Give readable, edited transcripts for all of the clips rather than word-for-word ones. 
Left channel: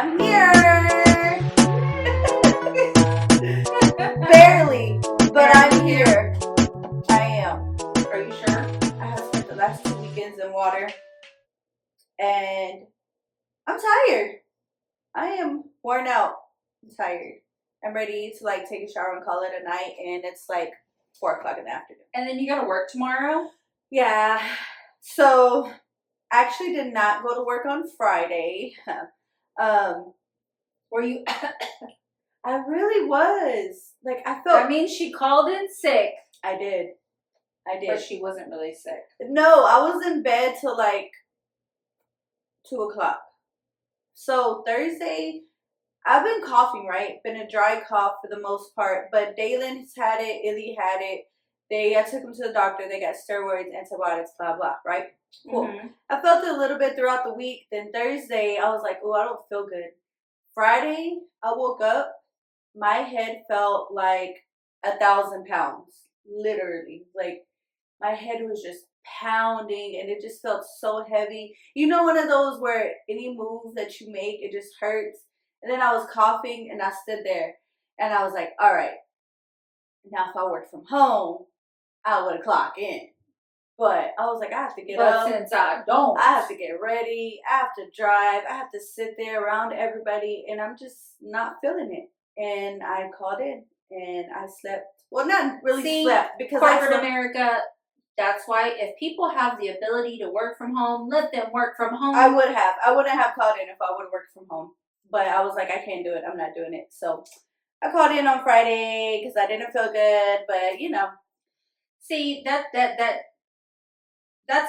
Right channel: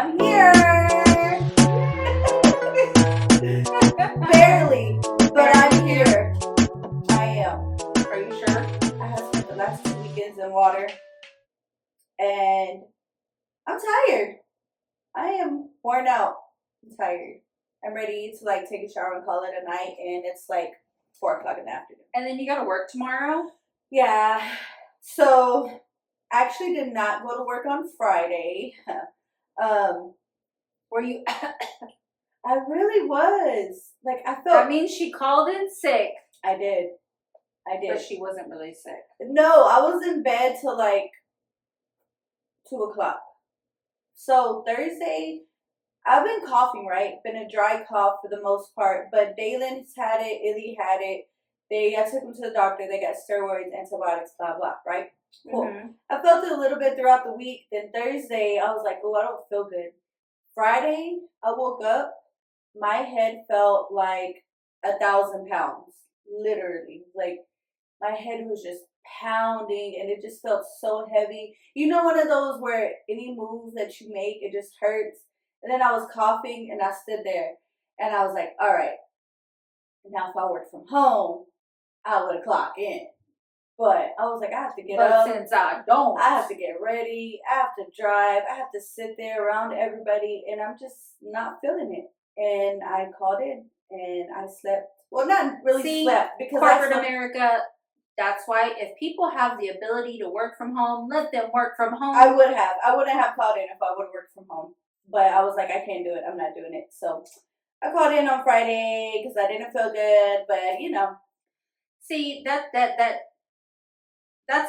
I'm here. Barely, but I'm here. I am. Are you sure? I have spent the last 2 weekends in water, and I'm tired. I am worn out. I'm tired. I'm ready to take a shower and call it a night, and it's 4:00 in the afternoon. And then you got to work tomorrow? Yeah. So, I actually did not go to work on Friday. Were you? I really was. I felt. That means she called in sick. I did. But she wasn't really sick. No, I was in bed till 2 o'clock. So Thursday, I've been coughing, right? Been a dry cough for the most part. But Dalen's had it, Illy had it. I took him to the doctor. They got steroids, antibiotics, blah, blah, right? Cool. Mm-hmm. I felt it a little bit throughout the week. Then Thursday, I was like, oh, I don't feel good. Friday, I woke up. My head felt like 1,000 pounds. Literally. My head was just pounding and it just felt so heavy. You know, one of those where any move that you make, it just hurts. And then I was coughing and I stood there and I was like, all right, now if I worked from home, I would have clocked in. But I was like, I have to get up. But since I don't. I have to get ready. I have to drive. I have to sit there around everybody. And I'm just not feeling it. And I called in and I slept. Well, not really slept because corporate America. That's why if people have the ability to work from home, let them work from home. I would have. I wouldn't have called in if I would have worked from home. But I was like, I can't do it. I'm not doing it. So I called in on Friday because I didn't feel good. But, See, that's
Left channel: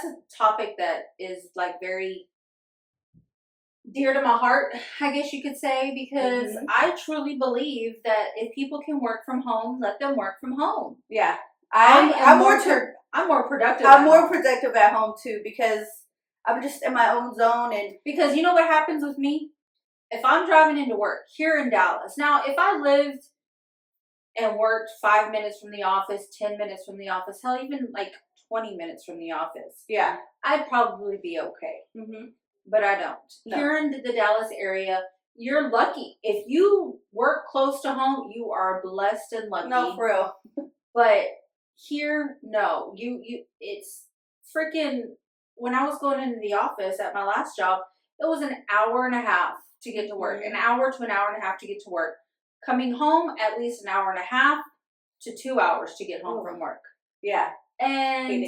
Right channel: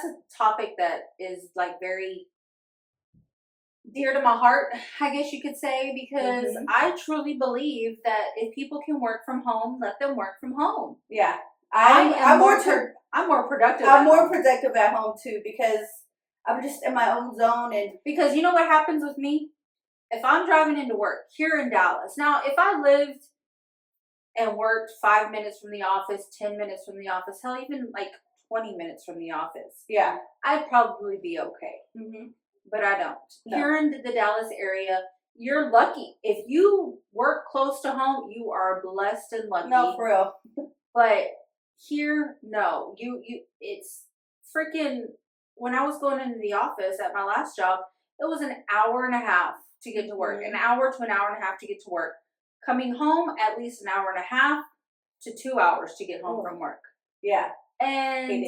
a topic that is very dear to my heart, I guess you could say, because I truly believe that if people can work from home, let them work from home. Yeah. I'm more productive. I'm more productive at home too because I'm just in my own zone. And because you know what happens with me? If I'm driving into work here in Dallas, now if I lived and worked 5 minutes from the office, 10 minutes from the office, hell, even 20 minutes from the office, yeah, I'd probably be okay. Mm-hmm. But I don't. No. Here in the Dallas area, you're lucky. If you work close to home, you are blessed and lucky. No, for real. But here, no. It's freaking, when I was going into the office at my last job, it was an hour and a half to get to work. An hour to an hour and a half to get to work. Coming home, at least an hour and a half to 2 hours to get home from work. Yeah. And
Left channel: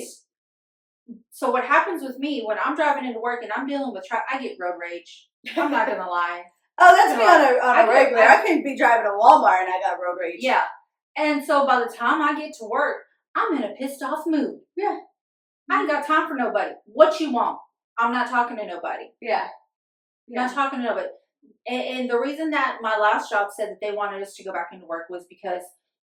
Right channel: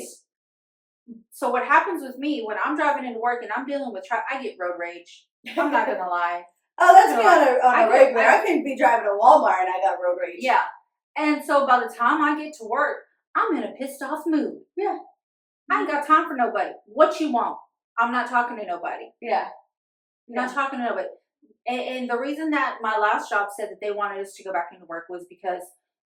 so what happens with me when I'm driving into work and I'm dealing with traffic, I get road rage. I'm not going to lie. Oh, that's me on a regular. I can be driving to Walmart and I got road rage. Yeah. And so by the time I get to work, I'm in a pissed off mood. Yeah. I ain't got time for nobody. What you want? I'm not talking to nobody. Yeah. Not talking to nobody. And the reason that my last job said that they wanted us to go back into work was because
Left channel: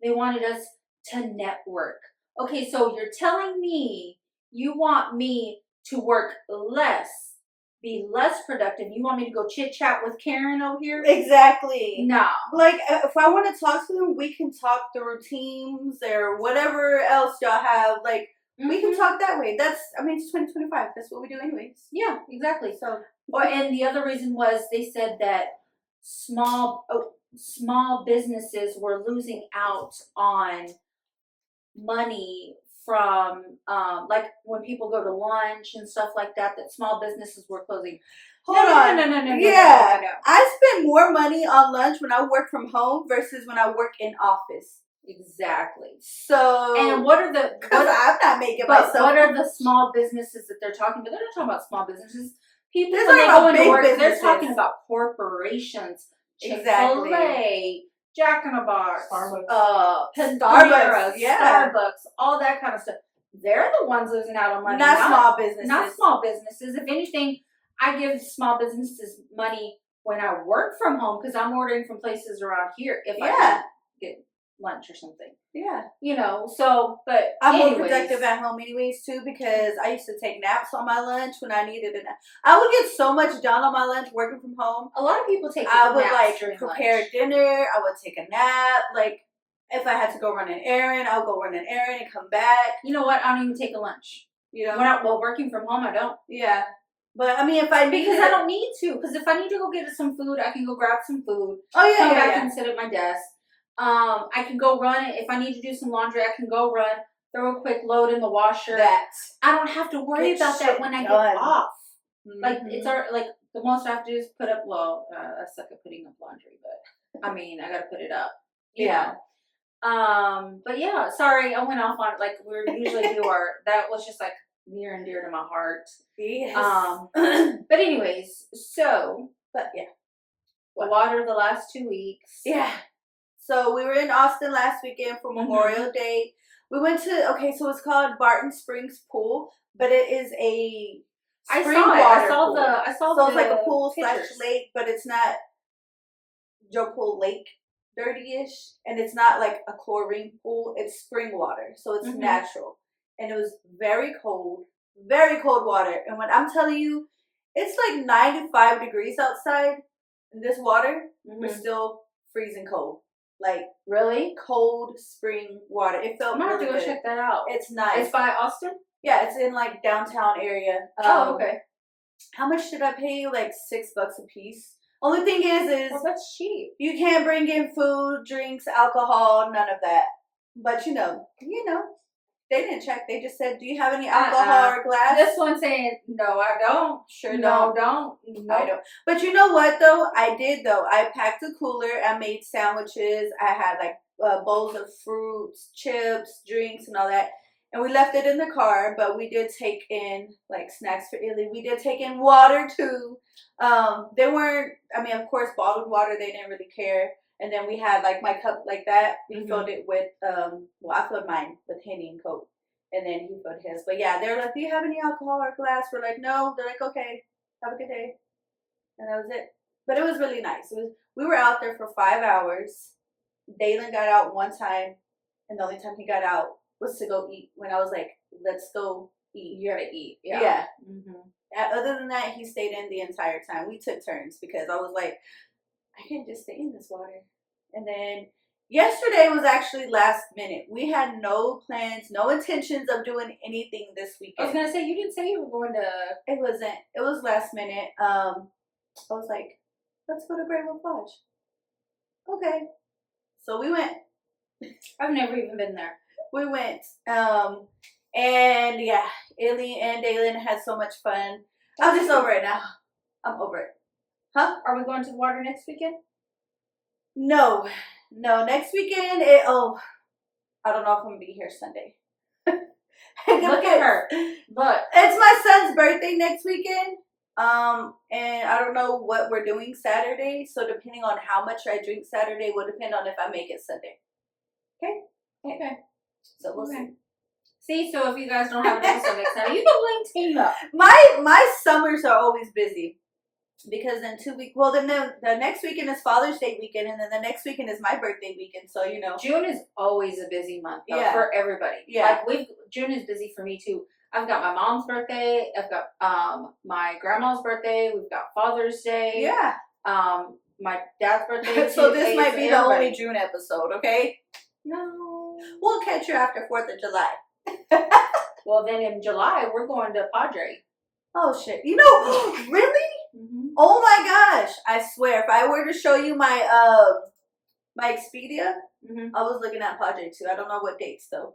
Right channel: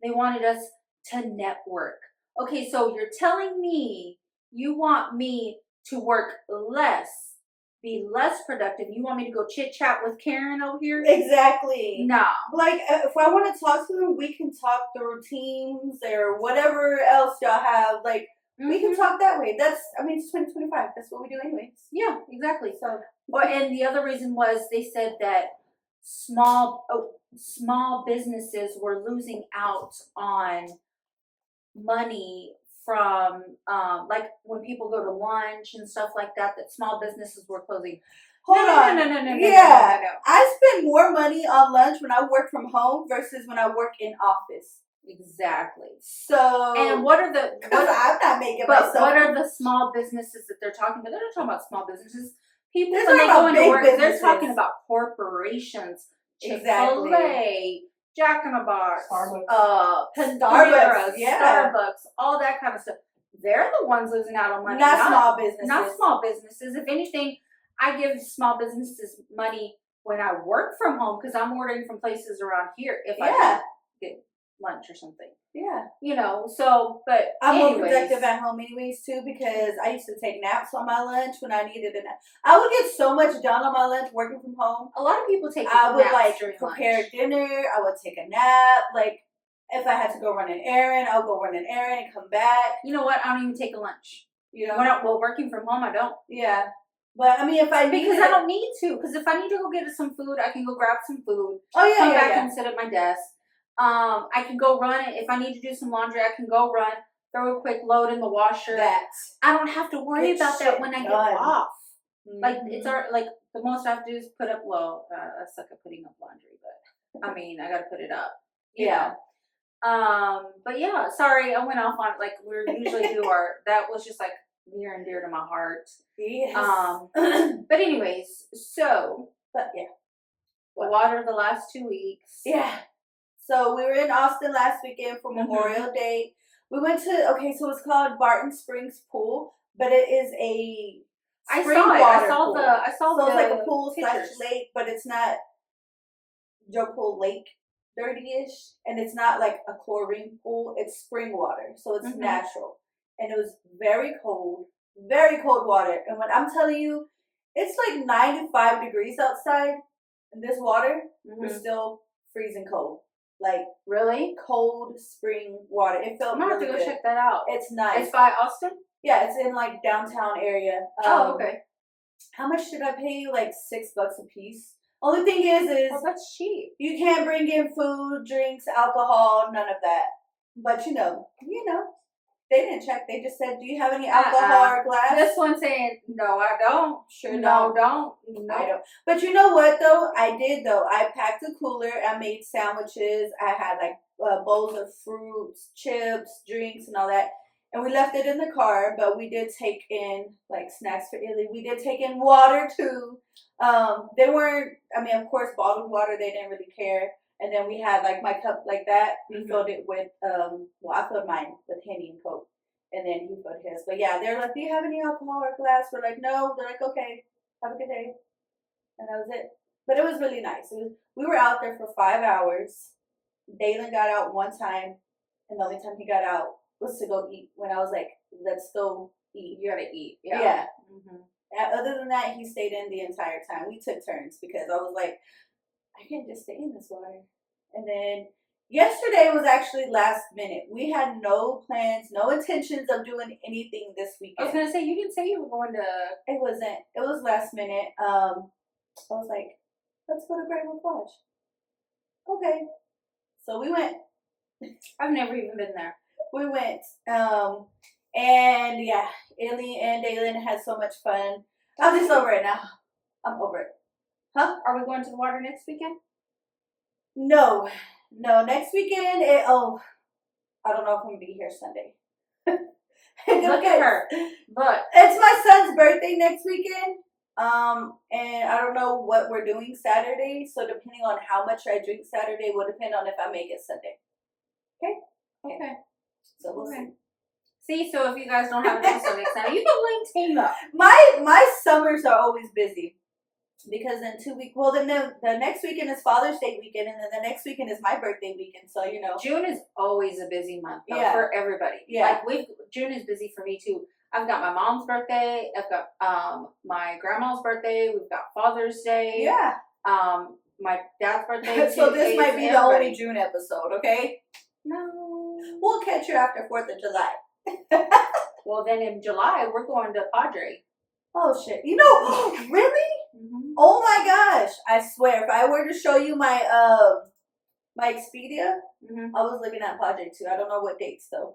they wanted us to network. Okay, so you're telling me you want me to work less, be less productive. You want me to go chit-chat with Karen over here? Exactly. No. If I want to talk to them, we can talk through Teams or whatever else y'all have. We can talk that way. It's 2025. That's what we do anyways. Yeah, exactly. So, and the other reason was they said that small businesses were losing out on money from when people go to lunch and stuff like that small businesses were closing. Hold on. No. Yeah. I spend more money on lunch when I work from home versus when I work in office. Exactly. So, and what are the? I'm not making myself. What are the small businesses that they're talking about? They're not talking about small businesses. People when they go into work, businesses. they're talking about corporations. Chick-fil-A, Jack in the Box, Starbucks, Starbucks, all that kind of stuff. They're the ones losing out on money. Not small businesses. Not small businesses. If anything, I give small businesses money when I work from home because I'm ordering from places around here. If I get lunch or something. Yeah. But I'm more productive at home anyways too because I used to take naps on my lunch when I needed a nap. I would get so much done on my lunch working from home. A lot of people take naps. I would prepare dinner. I would take a nap. If I had to go run an errand, I'll go run an errand and come back. You know what? I don't even take a lunch. Working from home, I don't. Yeah. But I mean, if I need because I don't need to. Because if I need to go get some food, I can go grab some food. Oh yeah, come back and sit at my desk. I can go run. If I need to do some laundry, I can go run. Throw a quick load in the washer. I don't have to worry about that when I get off. Like it's like the most I have to do is put up. Well, I suck at putting up laundry, but I mean I got to put it up. You know. But yeah, sorry, I went off on like we usually do our. That was just like near and dear to my heart. Yes. But anyways, so yeah, the water the last 2 weeks. Yeah. So we were in Austin last weekend for Memorial Day. We went to so it's called Barton Springs Pool, but it is a spring water pool. I saw so it's like a pool / lake, but it's not Joe Pool Lake dirty-ish, and it's not like a chlorine pool. It's spring water, so it's natural, and it was very cold water. And when I'm telling you, it's like 95 degrees outside, and this water was still freezing cold. Like really cold spring water. It felt. I'm gonna have to go check that out. It's nice. It's by Austin. Yeah, it's in like downtown area. Okay. How much did I pay you? Like $6 a piece. Only thing is that's cheap. You can't bring in food, drinks, alcohol, none of that. But you know, they didn't check. They just said, "Do you have any alcohol or glass?" This one saying, "No, I don't." Sure, no, don't. No, I don't. But you know what though? I did though. I packed a cooler. I made sandwiches. I had like bowls of fruits, chips, drinks, and all that. And we left it in the car, but we did take in like snacks for Illy. We did take in water too. They weren't. I mean, of course, bottled water. They didn't really care. And then we had like my cup like that. We filled it with I filled mine with Henny and Coke, and then he filled his. But yeah, they're like, "Do you have any alcohol or glass?" We're like, "No." They're like, "Okay, have a good day," and that was it. But it was really nice. We were out there for 5 hours. Dalen got out one time, and the only time he got out was to go eat. When I was like, "Let's go eat." You gotta eat. Yeah. Yeah. Other than that, he stayed in the entire time. We took turns because I was like, I can't just stay in this water. And then yesterday was actually last minute. We had no plans, no intentions of doing anything this weekend. I was gonna say, you didn't say you were going to. It wasn't. It was last minute. I was like, let's go to Great Wolf Lodge. Okay. So we went. I've never even been there. We went. And yeah, Illy and Dalen had so much fun. I'm just over it now. I'm over it. Huh? Are we going to the water next weekend? No. Next weekend. I don't know if I'm gonna be here Sunday. Look at her. Look, it's my son's birthday next weekend. And I don't know what we're doing Saturday. So depending on how much I drink Saturday will depend on if I make it Sunday. Okay. So we'll see. See, so if you guys don't have an episode next time, you can blame Tina. My summers are always busy. Because in 2 weeks, then the next weekend is Father's Day weekend, and then the next weekend is my birthday weekend. So June is always a busy month for everybody. Yeah, like June is busy for me too. I've got my mom's birthday. I've got my grandma's birthday. We've got Father's Day. Yeah. My dad's birthday. So this might be the only June episode. Okay. No. We'll catch you after 4th of July. Well, then in July we're going to Padre. Oh shit! Really? Oh my gosh! I swear, if I were to show you my my Expedia, I was looking at Padre too. I don't know what dates though,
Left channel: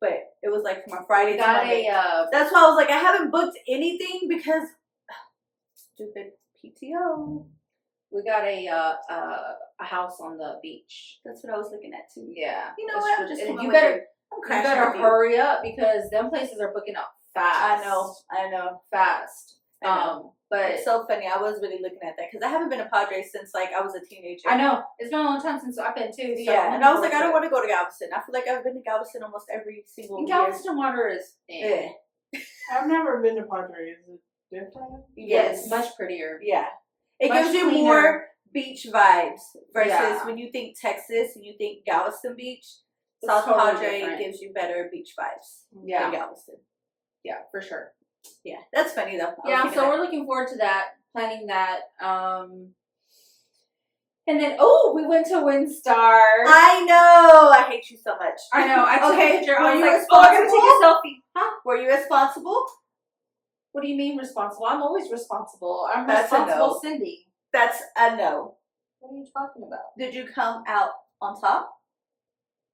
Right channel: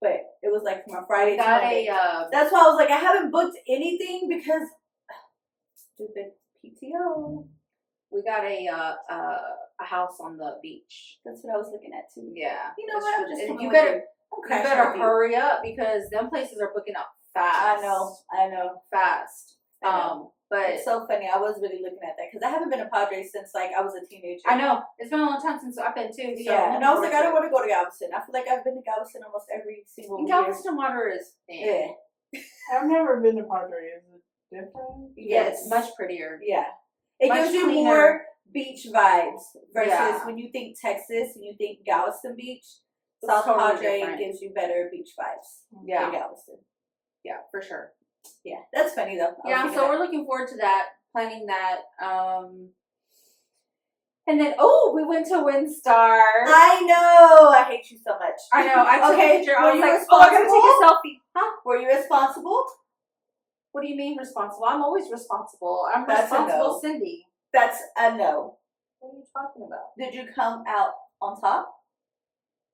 but it was like from a Friday to Monday. That's why I was like, I haven't booked anything because stupid PTO. We got a house on the beach. That's what I was looking at too. Yeah. You know what? You better hurry up because them places are booking up fast. I know. Fast. But it's so funny. I was really looking at that because I haven't been to Padre since like I was a teenager. I know. It's been a long time since I've been too. So yeah, and I was like, I don't want to go to Galveston. I feel like I've been to Galveston almost every single year. Galveston water is I've never been to Padre. Is it different? Yes, it's much prettier. Yeah, it gives you more beach vibes versus when you think Texas and you think Galveston Beach. South Padre gives you better beach vibes than Galveston. Yeah, for sure. Yeah, that's funny though. Yeah, so we're looking forward to that, planning that. And then, we went to Windstar. I know. I hate you so much. I know. I took a picture. I was like, I'm going to take a selfie. Huh? Were you responsible? What do you mean responsible? I'm always responsible. I'm That's a responsible, no. Cindy. That's a no. What are you talking about? Did you come out on top?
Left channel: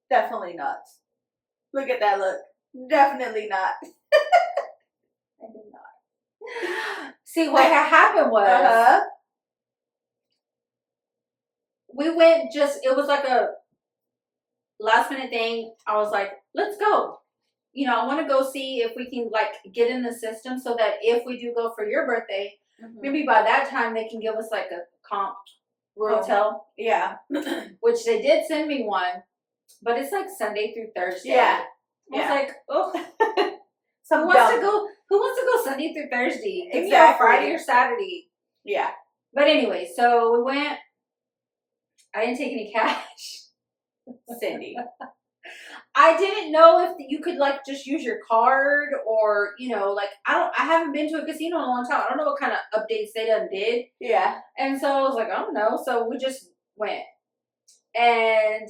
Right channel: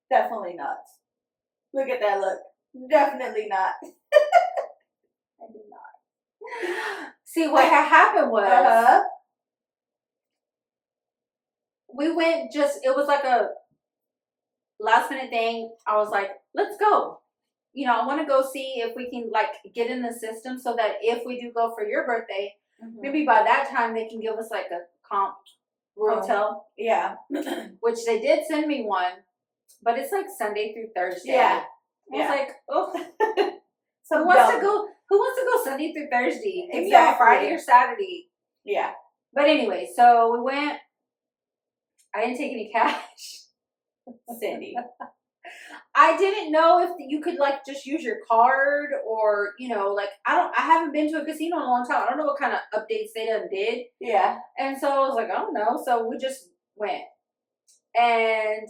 Definitely not. Look at that look. Definitely not. I did not. See, what happened was we went it was like a last minute thing. I was like, let's go. You know, I want to go see if we can like get in the system so that if we do go for your birthday, maybe by that time they can give us like a comp hotel. Yeah. Which they did send me one, but it's like Sunday through Thursday. Yeah. I was like, oh, Who who wants to go Sunday through Thursday? Give me Exactly. on Friday or Saturday. Yeah. But anyway, so we went. I didn't take any cash. Cindy. I didn't know if you could like just use your card or, you know, like I haven't been to a casino in a long time. I don't know what kind of updates they done did. Yeah. And so I was like, I don't know. So we just went. And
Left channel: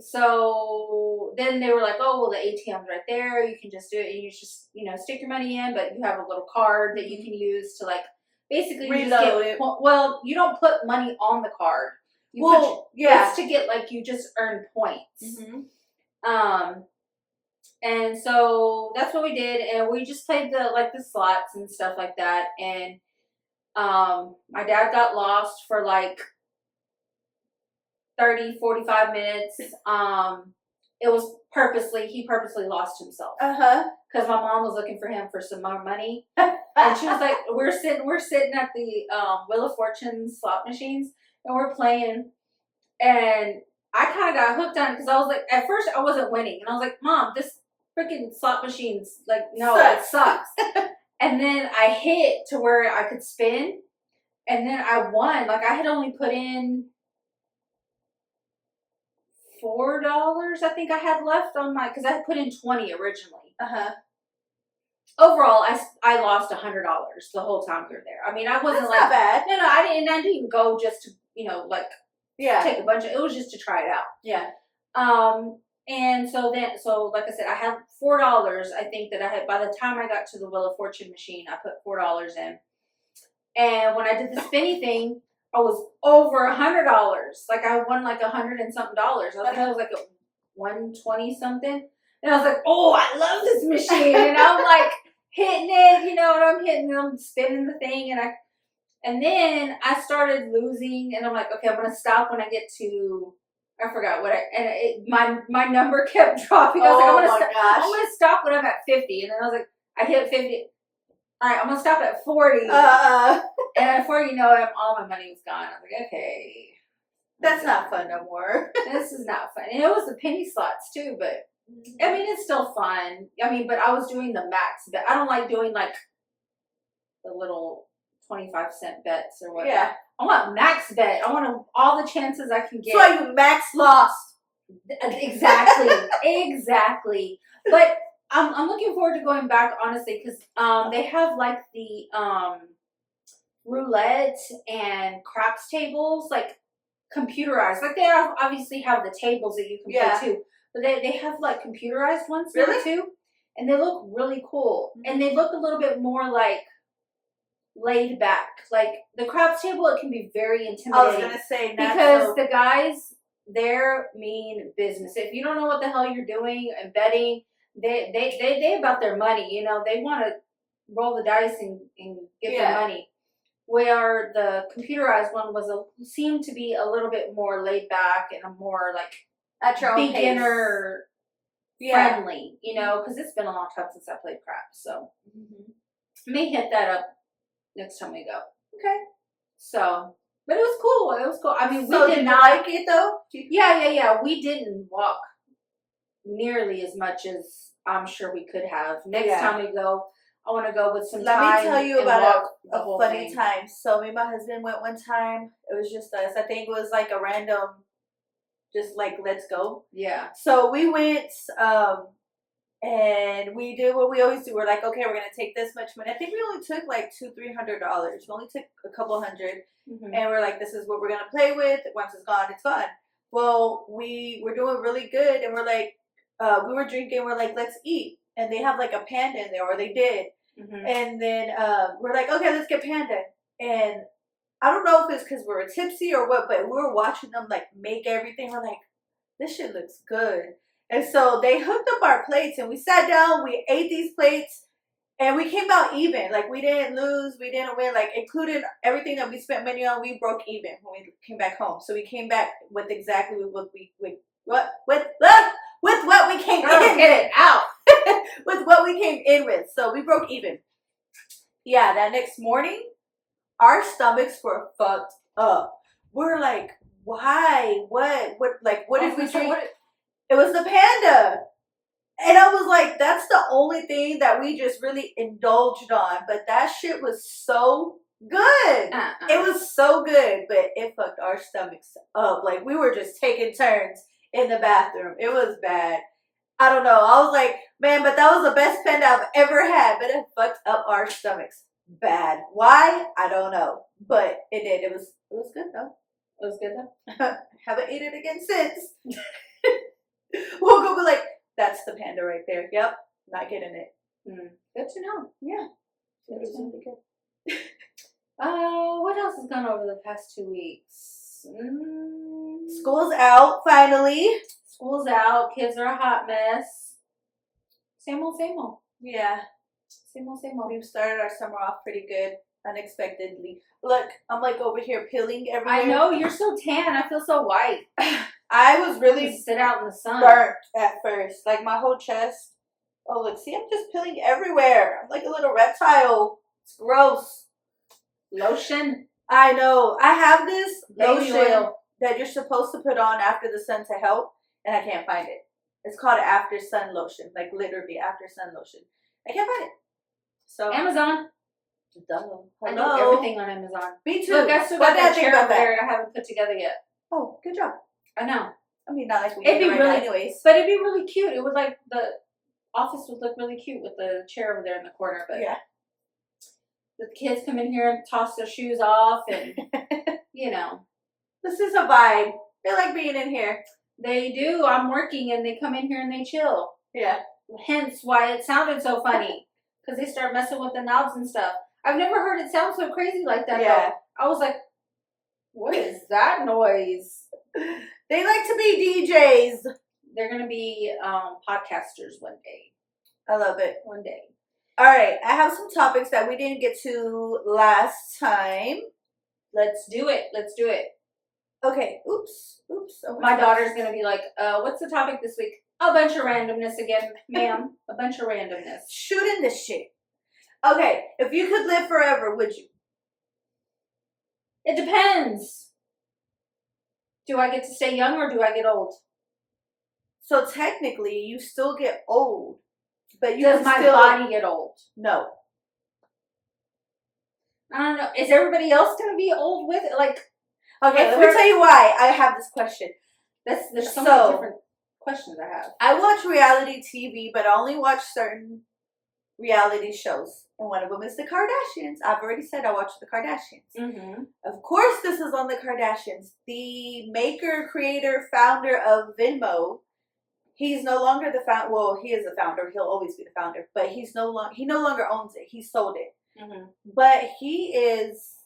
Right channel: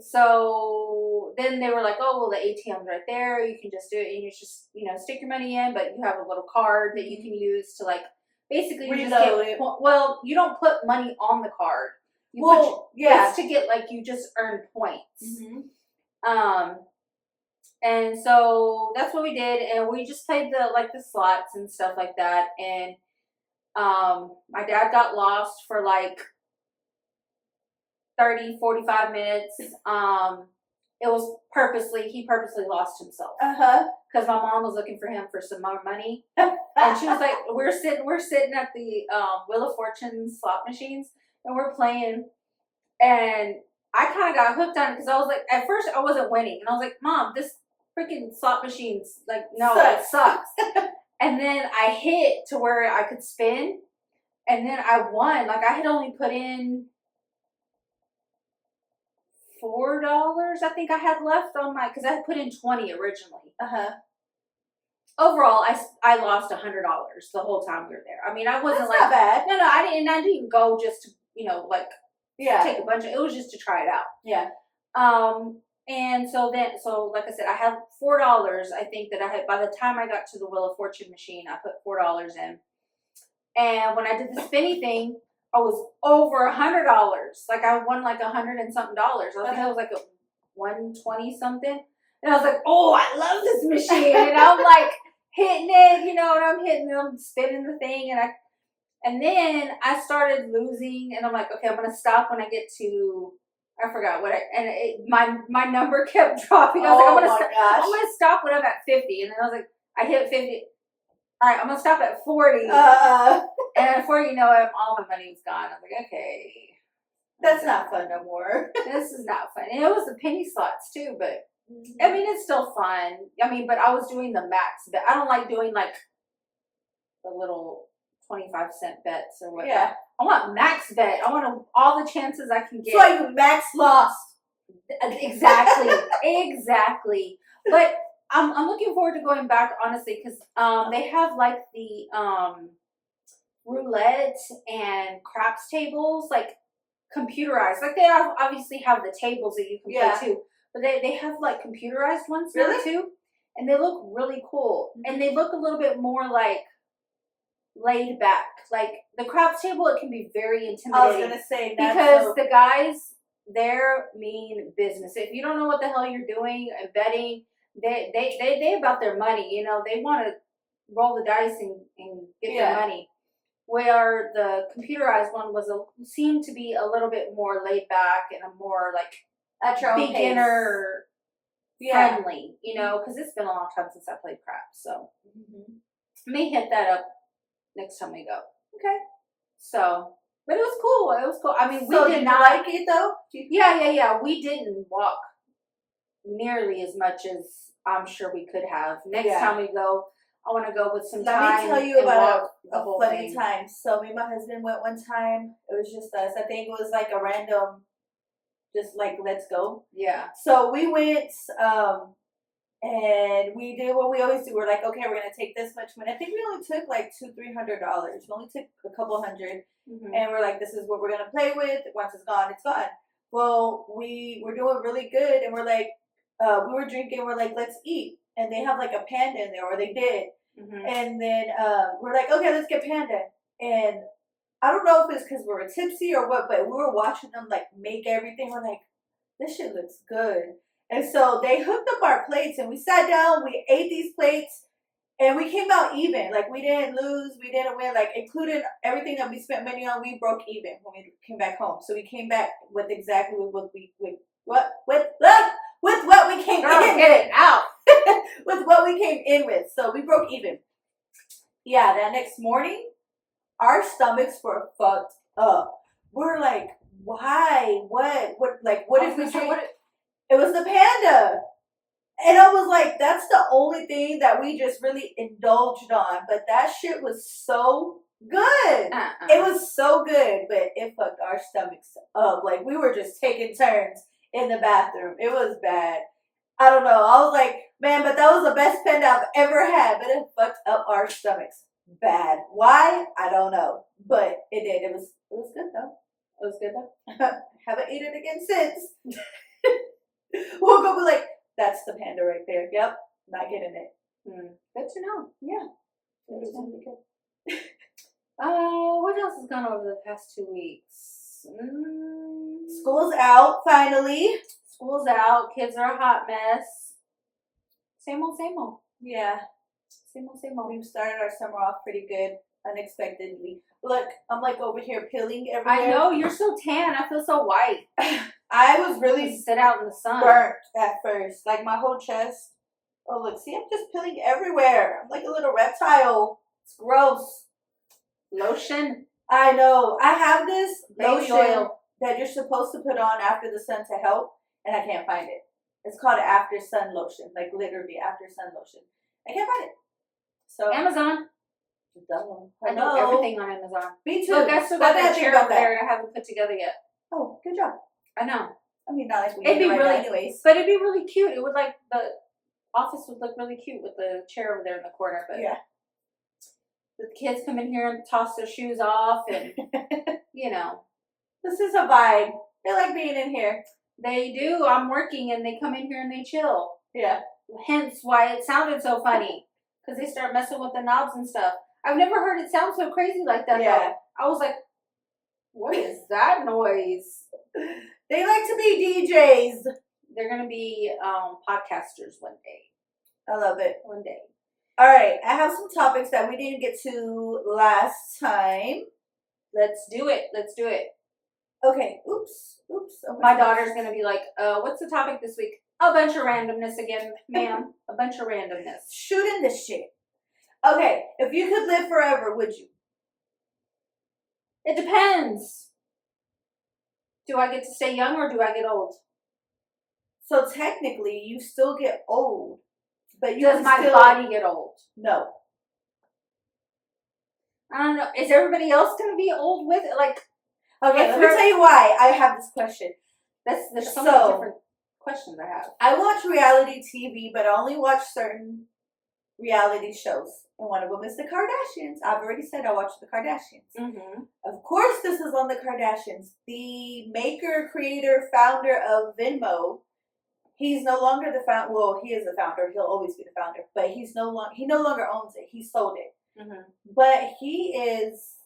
so then they were like, oh, well, the ATM's right there. You can just do it. And you just, you know, stick your money in, but you have a little card that you can use to like, basically you just get, well, you don't put money on the card. It's to get like, you just earn points. And so that's what we did. And we just played the slots and stuff like that. And, my dad got lost for like 30, 45 minutes. It was he purposely lost himself. Because my mom was looking for him for some more money. And she was like, we're sitting at the Wheel of Fortune slot machines and we're playing. And I kind of got hooked on it because I was like, at first I wasn't winning. And I was like, Mom, this freaking slot machine's like, no, it sucks. And then I hit to where I could spin. And then I won. Like I had only put in $4, I think I had left on because I had put in 20 originally. Overall, I lost $100 the whole time we were there. I mean, I wasn't That's not bad. No, I didn't. I didn't go just to, you know, like take a bunch of. It was just to try it out. Yeah. And so like I said, I had $4. I think that I had by the time I got to the Wheel of Fortune machine, I put $4 in. And when I did the spinny thing, I was over $100. Like I won like $100 and something dollars. I think I was like at 120 something. And I was like, oh, I love this machine. And I'm like hitting it, you know, and I'm hitting them, spinning the thing. And then I started losing. And I'm like, okay, I'm going to stop when I get to, I forgot what my number kept dropping. I was like, I'm going to stop when I'm at 50. And then I was like, I hit 50. All right, I'm going to stop at 40. And before you know it, all my money was gone. I was like, okay. That's not fun no more. This is not fun. And it was the penny slots too, but I mean, it's still fun. I mean, but I was doing the max bet. I don't like doing like the little 25-cent bets or whatever. Yeah. I want max bet. I want all the chances I can get. So you max lost. Exactly. Exactly. But I'm looking forward to going back, honestly, because they have like the roulette and craps tables, like computerized. Like they obviously have the tables that you can play too, but they have like computerized ones now too, and they look really cool. And they look a little bit more like laid back. Like the craps table, it can be very intimidating. I was gonna say because the guys there mean business. If you don't know what the hell you're doing and betting, they about their money. You know, they want to roll the dice and get their money. Where the computerized one seemed to be a little bit more laid back and a more like at your own beginner friendly, you know, because it's been a long time since I played craps. So may hit that up next time we go. Okay. So, but it was cool. It was cool. I mean, we did not like it though. Yeah. We didn't walk nearly as much as I'm sure we could have. Next time we go, I want to go with some time. Let me tell you about a funny thing. time. So me and my husband went one time. It was just us. I think it was like a random, just like, let's go. Yeah. So we went, and we did what we always do. We're like, okay, we're going to take this much money. I think we only took like $200-300. We only took a couple hundred. And we're like, this is what we're going to play with. Once it's gone, it's gone. Well, we were doing really good. And we're like, we were drinking. We're like, let's eat. And they have like a panda in there, or they did. Mm-hmm. And then we're like, okay, let's get Panda. And I don't know if it's because we were tipsy or what, but we were watching them like make everything. We're like, this shit looks good. And so they hooked up our plates and we sat down, we ate these plates, and we came out even. Like, we didn't lose, we didn't win. Like, including everything that we spent money on, we broke even when we came back home. So we came back with exactly what we with what we came Girl, in get it out. with what we came in with. So we broke even. Yeah, that next morning, our stomachs were fucked up. We're like, why? What if we drink? It was the Panda. And I was like, that's the only thing that we just really indulged on. But that shit was so good. It was so good, but it fucked our stomachs up. Like, we were just taking turns in the bathroom. It was bad. I don't know. I was like, man, but that was the best Panda I've ever had. But it fucked up our stomachs bad. Why? I don't know. But it did. It was good though. It was good though. Haven't eaten it again since. We'll go be like, that's the Panda right there. Yep, not getting it. Good to know. Yeah. It was really good. What else has gone over the past 2 weeks? School's out, finally. School's out. Kids are a hot mess. Same old, same old. Yeah. Same old, same old. We've started our summer off pretty good, unexpectedly. Look, I'm like over here peeling everywhere. I know, you're so tan. I feel so white. I was really sit out in the sun. Burnt at first. Like, my whole chest. Oh, look, see, I'm just peeling everywhere. I'm like a little reptile. It's gross. Lotion? I know. I have this Baby lotion oil that you're supposed to put on after the sun to help, and I can't find it. It's called After Sun Lotion. Like, literally, After Sun Lotion. I can't find it. So Amazon. Hello. I know everything on Amazon. Me too. Look, I still got that chair over there I haven't put together yet. Oh, good job. I know. I mean, not like we it'd need be right really, now anyways. But it'd be really cute. It would like the office would look really cute with the chair over there in the corner. But yeah, the kids come in here and toss their shoes off, and you know, this is a vibe. They like being in here. They do. I'm working, and they come in here and they chill. Yeah. Hence why it sounded so funny, because they start messing with the knobs and stuff. I've never heard it sound so crazy like that. Yeah. Though. I was like, what is that noise? They like to be DJs. They're going to be podcasters one day. I love it. One day. All right. I have some topics that we didn't get to last time. Let's do it. Let's do it. Okay. Oops. Oh my daughter's going to be like, what's the topic this week? A bunch of randomness again, ma'am. A bunch of randomness. Shootin' the shit. Okay. If you could live forever, would you? It depends. Do I get to stay young or do I get old? So technically, you still get old, but you does my body get old? No. I don't know. Is everybody else going to be old with it? Like, okay, let me tell you why I have this question. There's so many different questions I have. I watch reality TV, but I only watch certain reality shows. And one of them is the Kardashians. I've already said I watch the Kardashians. Mm-hmm. Of course, this is on the Kardashians. The maker, creator, founder of Venmo. He's no longer the founder. Well, he is the founder. He'll always be the founder. But he no longer owns it. He sold it. Mm-hmm. But he is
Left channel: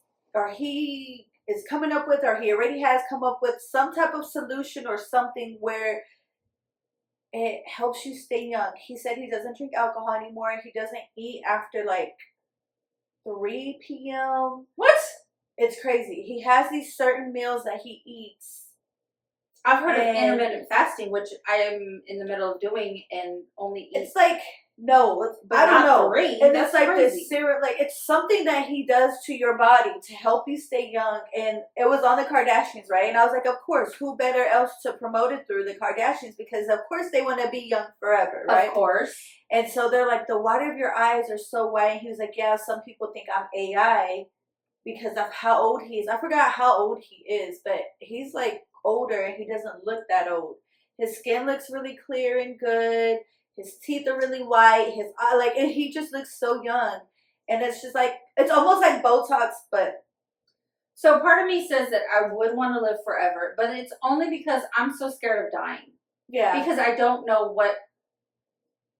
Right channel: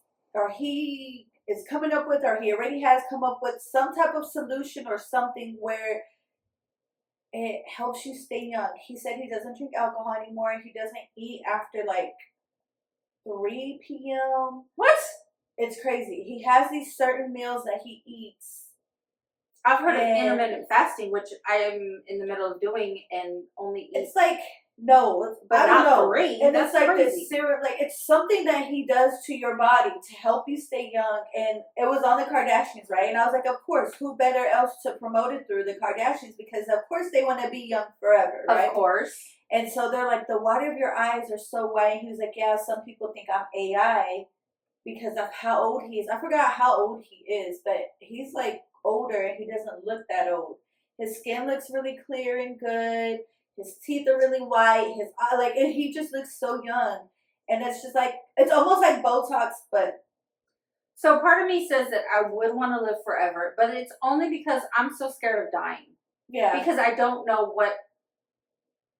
coming up with, or he already has come up with some type of solution or something where it helps you stay young. He said he doesn't drink alcohol anymore. He doesn't eat after like 3 p.m. What? It's crazy. He has these certain meals that he eats. I've heard of intermittent fasting, which I am in the middle of doing, and only eat. It's like, no, but I don't know. 3. And that's it's like crazy. this serum, like it's something that he does to your body to help you stay young. And it was on the Kardashians, right? And I was like, of course, who better else to promote it through the Kardashians? Because of course they want to be young forever, right? Of course. And so they're like, the white of your eyes are so white. And he was like, yeah, some people think I'm AI because of how old he is. I forgot how old he is, but he's like older and he doesn't look that old. His skin looks really clear and good. His teeth are really white. His eye, like, and he just looks so young. And it's just like, it's almost like Botox, but. So part of me says that I would want to live forever, but it's only because I'm so scared of dying. Yeah. Because I don't know what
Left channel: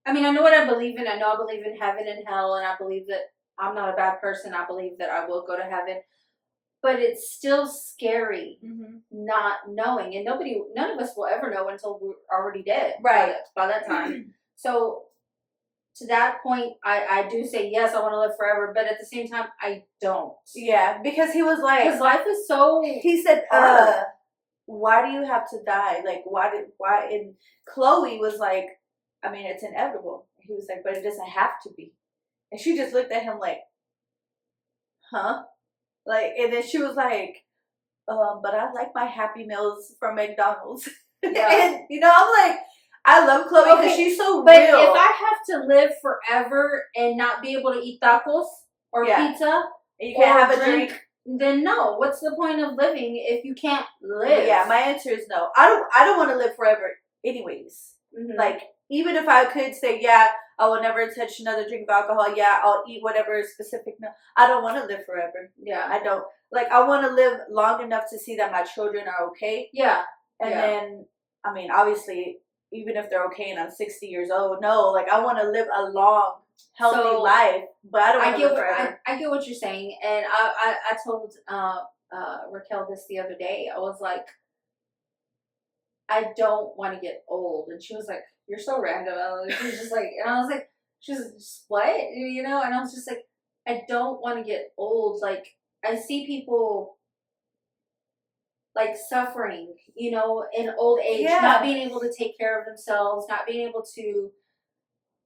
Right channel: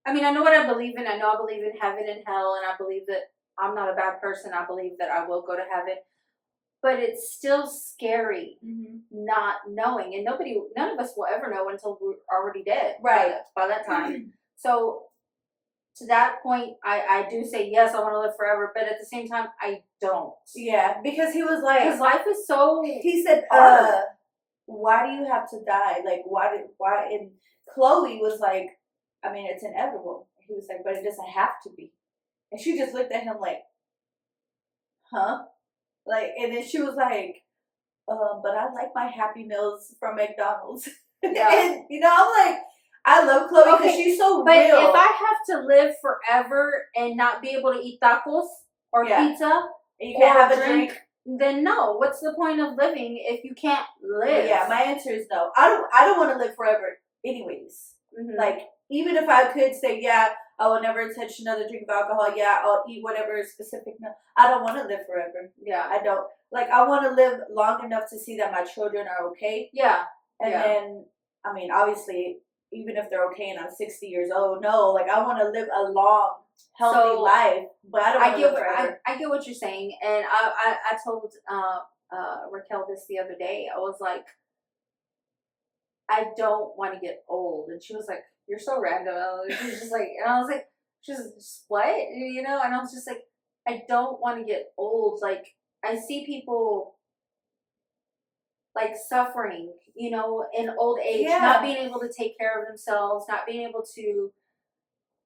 I mean, I know what I believe in. I know I believe in heaven and hell, and I believe that I'm not a bad person. I believe that I will go to heaven. But it's still scary not knowing. And none of us will ever know until we're already dead. Right. By that time. So to that point, I do say, yes, I want to live forever. But at the same time, I don't. Yeah, because he was like... Because life is so... He said, hard. why do you have to die? Like, why? And Chloe was like, I mean, it's inevitable. He was like, but it doesn't have to be. And she just looked at him like, huh? Like, and then she was like, but I like my Happy Meals from McDonald's. Yeah. And, you know, I'm like, I love Chloe because she's so but real. If I have to live forever and not be able to eat tacos or pizza, and you can't have a drink, then no. What's the point of living if you can't live? Yeah, my answer is no. I don't want to live forever anyways. Like, even if I could say, yeah, I will never touch another drink of alcohol. Yeah, I'll eat whatever is specific. No, I don't want to live forever. Yeah. I don't. Like, I want to live long enough to see that my children are okay. Yeah. And then, I mean, obviously, even if they're okay and I'm 60 years old, no, like, I want to live a long, healthy life, but I don't want to live forever. I get what you're saying. And I told Raquel this the other day. I was like, I don't want to get old. And she was like, you're so random. She was just like, and I was like, she was what? You know? And I was just like, I don't want to get old. Like, I see people like suffering, you know, in old age, not being able to take care of themselves, not being able to,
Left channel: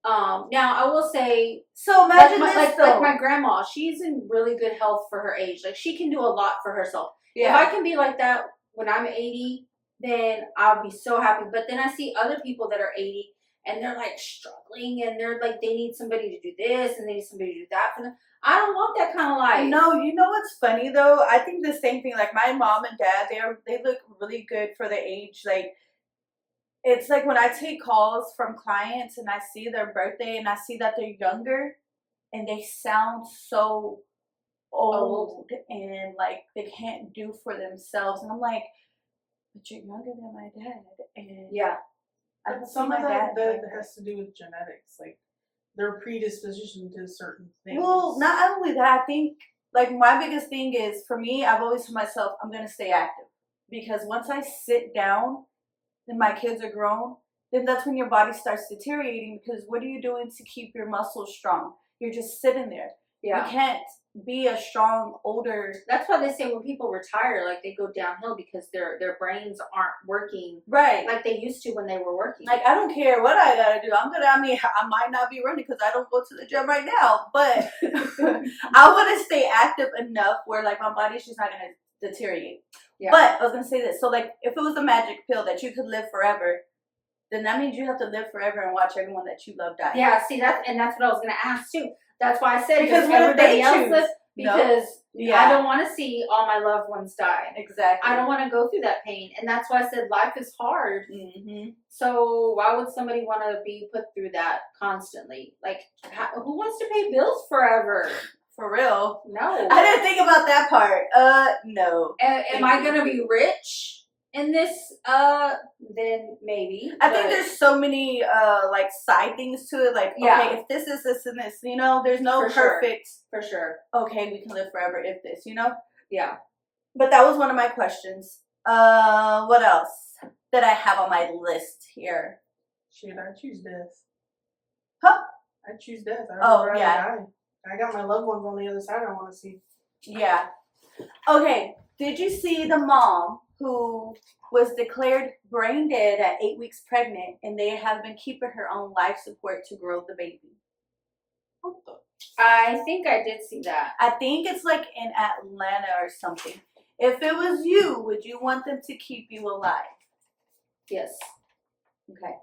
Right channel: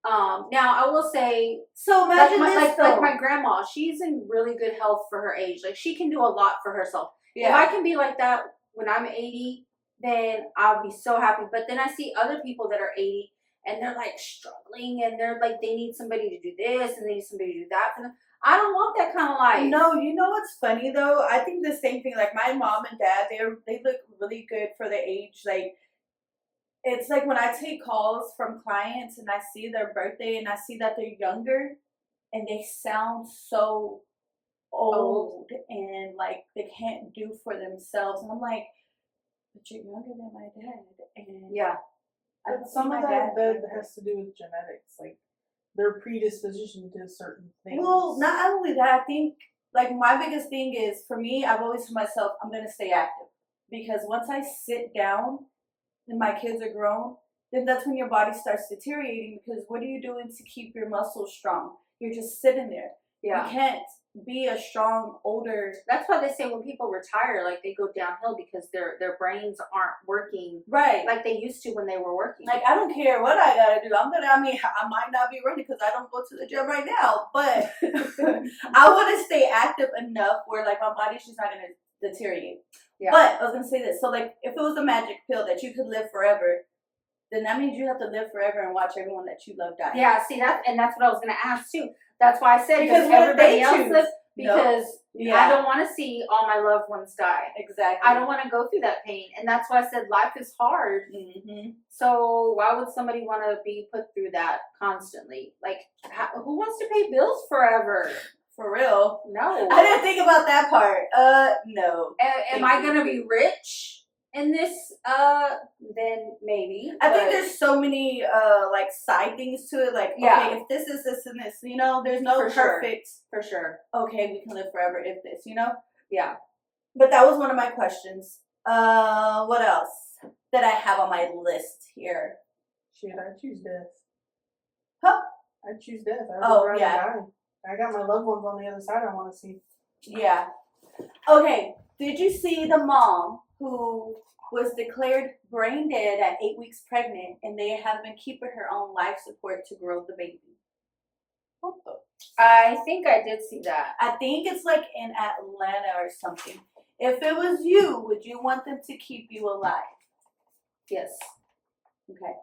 now I will say, so imagine like my grandma, she's in really good health for her age. Like, she can do a lot for herself. Yeah. If I can be like that when I'm 80, then I'll be so happy. But then I see other people that are 80 and they're like struggling and they're like, they need somebody to do this and they need somebody to do that for them. I don't want that kind of life. No, you know what's funny though? I think the same thing. Like, my mom and dad, they look really good for their age. Like, it's like when I take calls from clients and I see their birthday and I see that they're younger and they sound so old and like they can't do for themselves. And I'm like, but you're younger than my dad. And I some of that has to do with genetics. Like, their predisposition to certain things. Well, not only that, I think, like, my biggest thing is, for me, I've always told myself, I'm going to stay active. Because once I sit down and my kids are grown, then that's when your body starts deteriorating. Because what are you doing to keep your muscles strong? You're just sitting there. Yeah. You can't be a strong, older... That's why they say when people retire, like, they go downhill because their brains aren't working like they used to when they were working. Like, I don't care what I gotta do. I might not be running because I don't go to the gym right now, but I want to stay active enough where, like, my body's just not gonna deteriorate. Yeah. But I was gonna say this. So, like, if it was a magic pill that you could live forever, then that means you have to live forever and watch everyone that you love die. Yeah, see, that's what I was gonna ask too. That's why I said, because everybody else lives, because I don't want to see all my loved ones die. Exactly. I don't want to go through that pain. And that's why I said life is hard. So why would somebody want to be put through that constantly? Like, who wants to pay bills forever? For real? No. I didn't think about that part. No. Am I going to be rich in this? Then maybe. I think there's so many, like, side things to it. Like, okay, if this is this and this, you know, there's no perfect. For sure. Okay, we can live forever if this, you know? Yeah. But that was one of my questions. What else that I have on my list here? Shit, I choose death. Huh? I choose death. I got my loved ones on the other side I want to see. Yeah. Okay, did you see the mom who was declared brain dead at 8 weeks pregnant, and they have been keeping her on life support to grow the baby? What the? I think I did see that. I think it's like in Atlanta or something. If it was you, would you want them to keep you alive? Yes. Okay.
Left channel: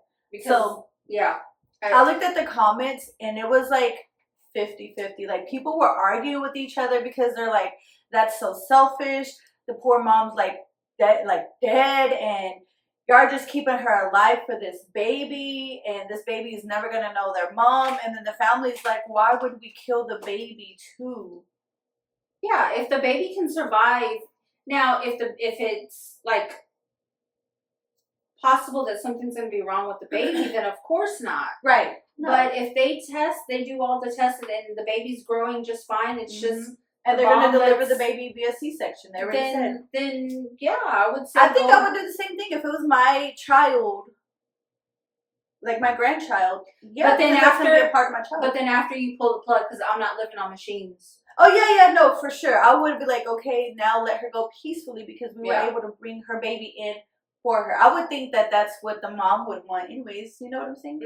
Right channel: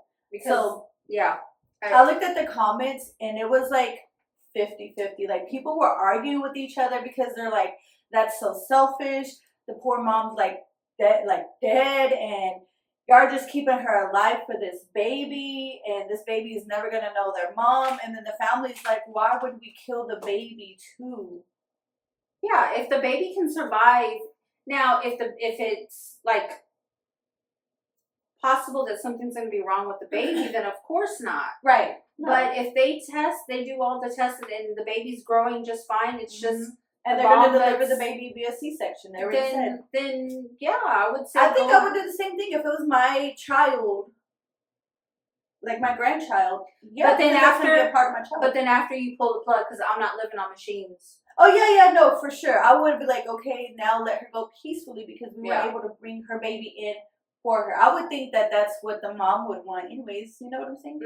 I looked at the comments, and it was like 50-50. Like, people were arguing with each other because they're like, that's so selfish. The poor mom's like dead, and y'all just keeping her alive for this baby, and this baby is never gonna know their mom. And then the family's like, why would we kill the baby too? Yeah, if the baby can survive. Now, if it's like possible that something's going to be wrong with the baby, then of course not. Right. No. But if they do all the tests and the baby's growing just fine, it's just and they're going to deliver the baby via C-section. They already said. Then yeah, I would say. I think I would do the same thing if it was my child, like my grandchild. Yeah, but then that's going to be a part of my child. But then after you pull the plug, because I'm not living on machines. Oh yeah, no, for sure. I would be like, okay, now let her go peacefully because we were able to bring her baby in for her. I would think that that's what the mom would want, anyways. You know what I'm saying?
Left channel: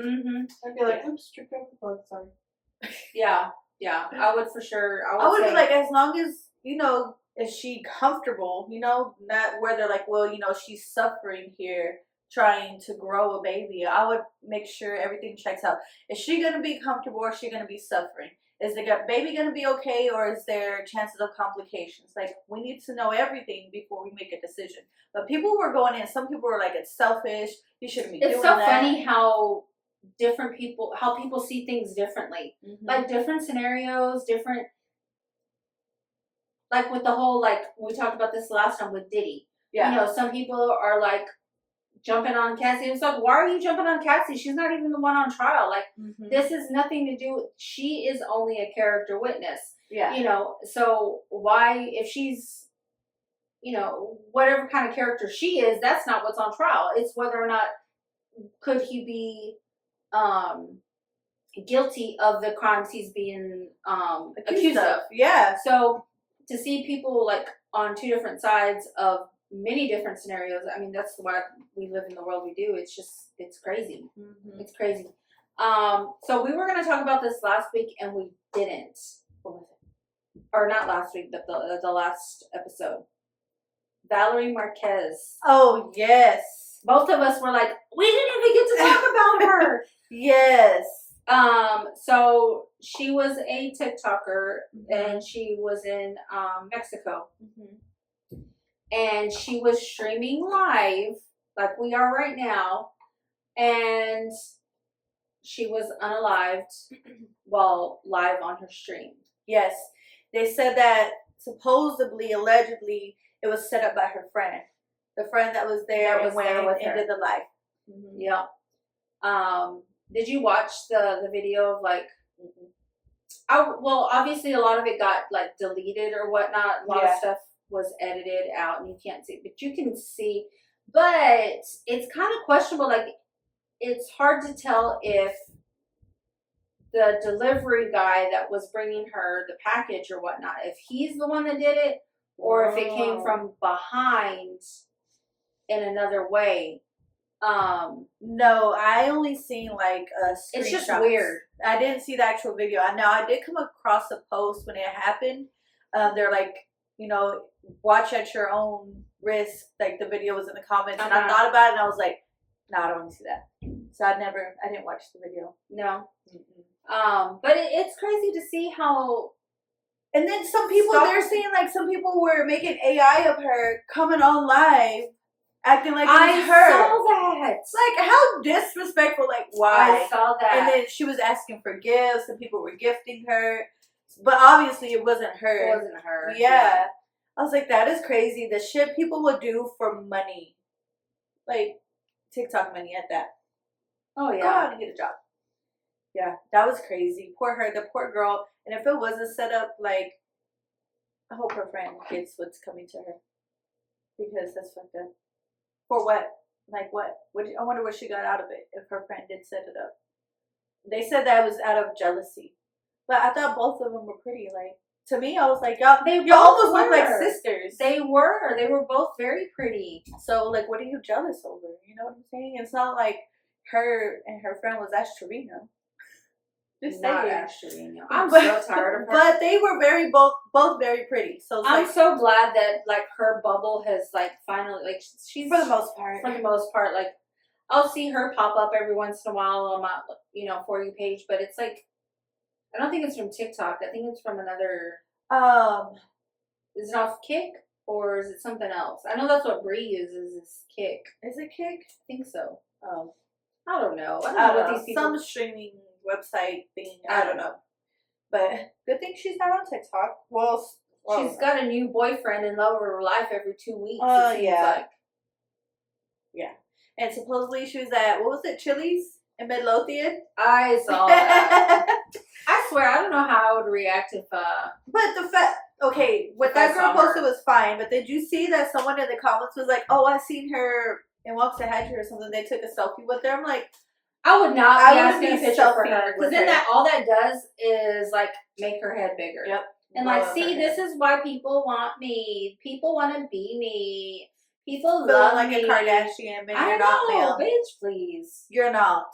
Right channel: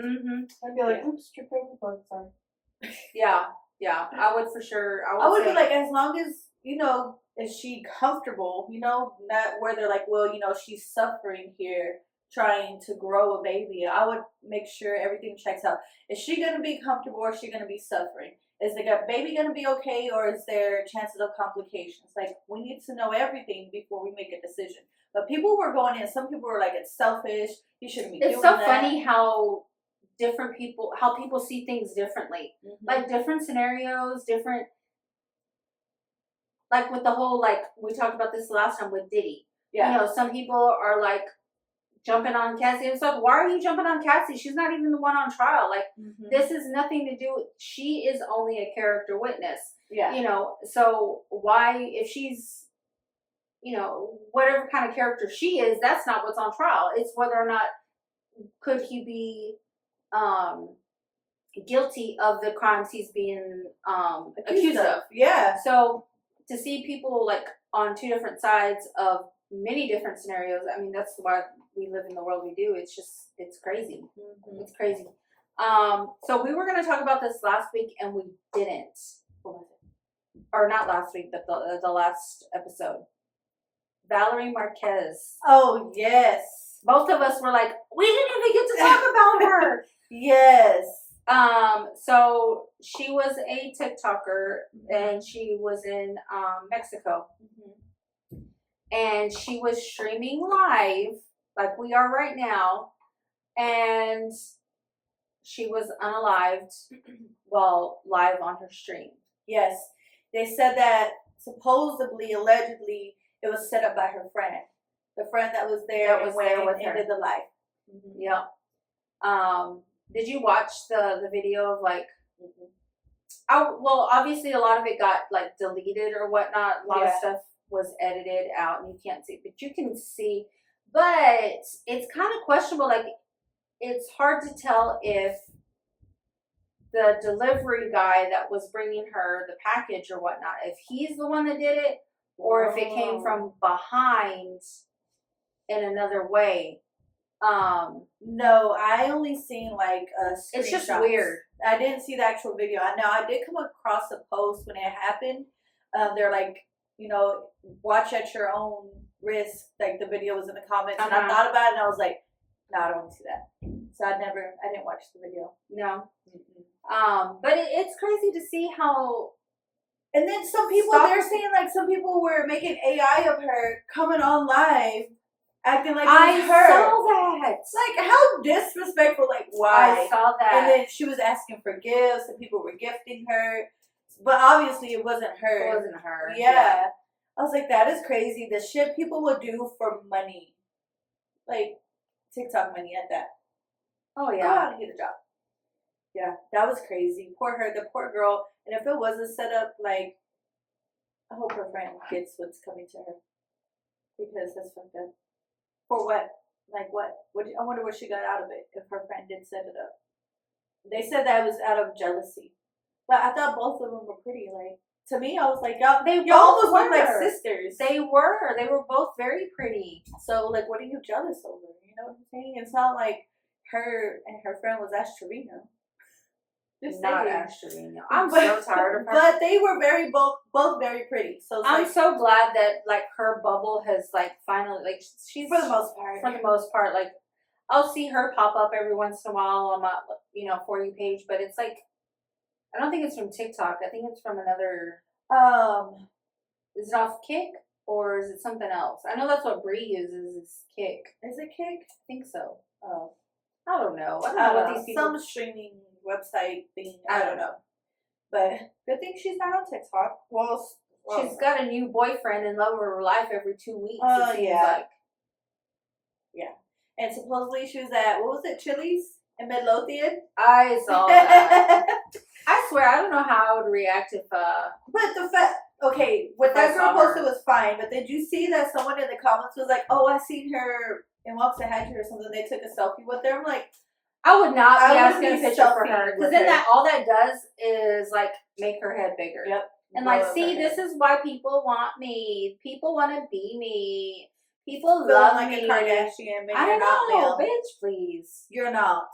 I'd be like, oops, strip over the plug. Sorry. Yeah, I would for sure. I would be like, as long as is she comfortable? Not where they're like, well, she's suffering here trying to grow a baby. I would make sure everything checks out. Is she gonna be comfortable or is she gonna be suffering? Is the baby going to be okay, or is there chances of complications? Like, we need to know everything before we make a decision. But people were going in. Some people were like, it's selfish. You shouldn't be doing that. It's so funny how people see things differently. Like, different scenarios, different... Like, with the whole, like, we talked about this last time with Diddy. Yeah. Some people are like, jumping on Cassie. It's like, why are you jumping on Cassie? She's not even the one on trial. Like, this is nothing to do with, she is only a character witness. Yeah. So why, if she's, whatever kind of character she is, that's not what's on trial. It's whether or not could he be guilty of the crimes he's being accused of. Yeah. So to see people like on two different sides of many different scenarios. I mean, that's why we live in the world we do. It's crazy. It's crazy. So we were going to talk about this last week and we didn't. Or not last week, but the last episode. Valerie Marquez. Oh, yes. Both of us were like, we didn't even get to talk about her. Yes. So she was a TikToker and she was in Mexico. And she was streaming live, like we are right now, and she was unalived while live on her stream. Yes. They said that supposedly, allegedly, it was set up by her friend. The friend that was there and did the live. Yeah. Did you watch the video of like... well, obviously a lot of it got like deleted or whatnot. A lot of stuff was edited out and you can't see, but you can see. But it's kind of questionable. Like, it's hard to tell if the delivery guy that was bringing her the package or whatnot, if he's the one that did it, or if it came from behind in another way. No, I only seen like a screenshot. It's just weird. I didn't see the actual video. Now I did come across a post when it happened. They're like, watch at your own risk. Like, the video was in the comments, and I thought about it, and I was like, no, I don't want to see that. So I didn't watch the video. No. But it's crazy to see how. And then some people, they're saying like some people were making AI of her coming on live, acting like it was her. I saw that. Like, how disrespectful. Like, why? I saw that. And then she was asking for gifts, and people were gifting her. But obviously it wasn't her. It wasn't her. Yeah. I was like, that is crazy. The shit people will do for money. Like, TikTok money at that. Oh, yeah. Go out and get a job. Yeah, that was crazy. Poor her, the poor girl. And if it was a setup, like, I hope her friend gets what's coming to her. Because that's fucked up. For what? Like, what? I wonder what she got out of it if her friend did set it up. They said that it was out of jealousy. But I thought both of them were pretty. Like, to me, I was like, y'all almost look like sisters. They were both very pretty. So, like, what are you jealous over? You know what I'm saying? It's not like her and her friend was Ash Trevino. Just not Ash Trevino. I'm so tired of her. But they were both very pretty. So I'm so glad that like her bubble has like finally like she's for the most part. Like, I'll see her pop up every once in a while on my For You page, but it's like, I don't think it's from TikTok. I think it's from another. Is it off Kick or is it something else? I know that's what Bree uses is Kick. Is it Kick? I think so. Oh, I don't know. I don't know what these people. Some streaming website thing. I don't know. But good thing she's not on TikTok. Well, she's got a new boyfriend in love of her life every 2 weeks. It seems like. Yeah. And supposedly she was at, what was it, Chili's in Midlothian? I saw that. I swear, I don't know how I would react if But the fact, okay, what that girl posted was fine, but did you see that someone in the comments was like, oh, I seen her in Waxahachie or something, they took a selfie with her? I'm like, I would not be asking a picture for selfie her. Because with then her. that all that does is like make her head bigger. Yep. And like, see, this is why people want me. People want to be me. People love like me. a Kardashian, but I you're not, know, ma'am. bitch, please. You're not.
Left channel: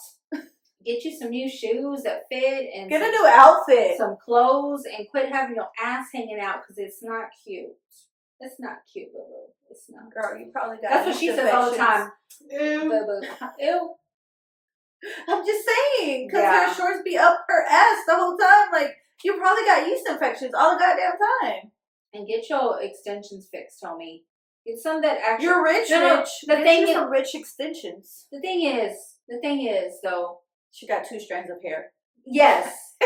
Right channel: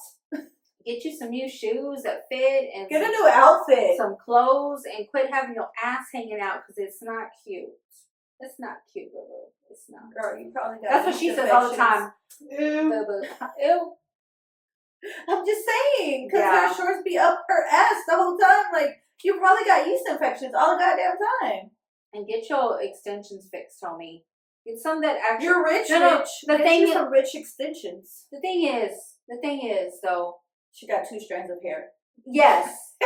Get you some new shoes that fit and get a new outfit, some clothes, and quit having your ass hanging out because it's not cute. It's not cute, boo boo. It's not. Girl, you probably got. That's what she says all the time. Ew. Boo boo. Ew. I'm just saying, because her shorts be up her ass the whole time. Like, you probably got yeast infections all the goddamn time. And get your extensions fixed, homie. Get some that actually. You're rich, rich. The get thing you is, some rich extensions. The thing is, though. She got 2 strands of hair. Yes.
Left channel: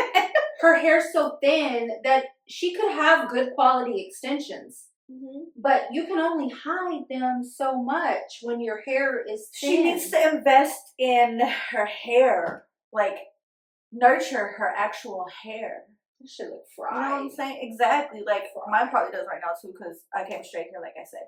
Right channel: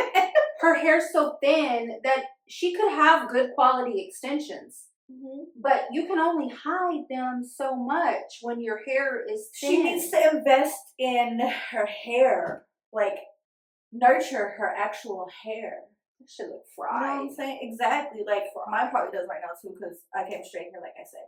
Her hair's so thin that she could have good quality extensions. Mm-hmm. But you can only hide them so much when your hair is thin. She needs to invest in her hair. Like, nurture her actual hair. It should look fried. You know what I'm saying? Exactly. Like, mine probably does right now, too, because I came straight here, like I said.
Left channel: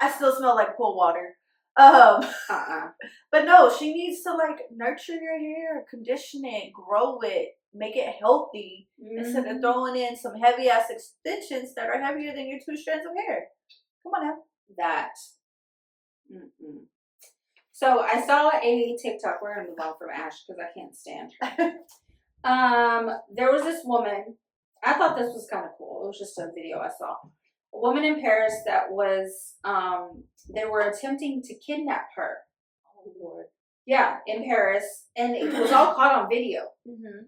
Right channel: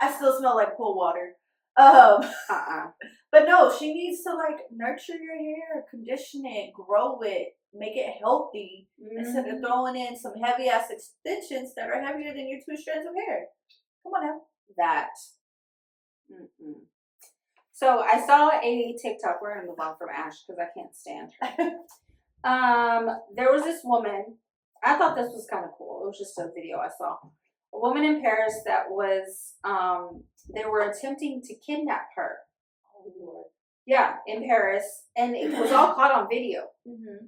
I still smell like pool water. But no, she needs to, like, nurture your hair, condition it, grow it, make it healthy, instead of throwing in some heavy-ass extensions that are heavier than your 2 strands of hair. Come on now. That. So, I saw a TikTok. We're going to move on from Ash, because I can't stand her. There was this woman. I thought this was kind of cool. It was just a video I saw. A woman in Paris that was, they were attempting to kidnap her. Oh, Lord. Yeah, in Paris. And it was all caught on video. Mm-hmm.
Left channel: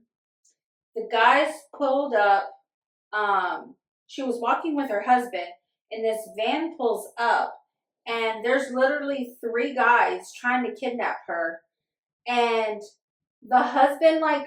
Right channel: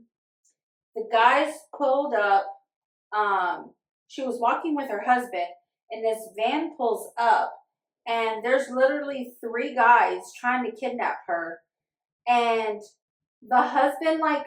The guys pulled up. She was walking with her husband, and this van pulls up, and there's literally 3 guys trying to kidnap her. And the husband, like,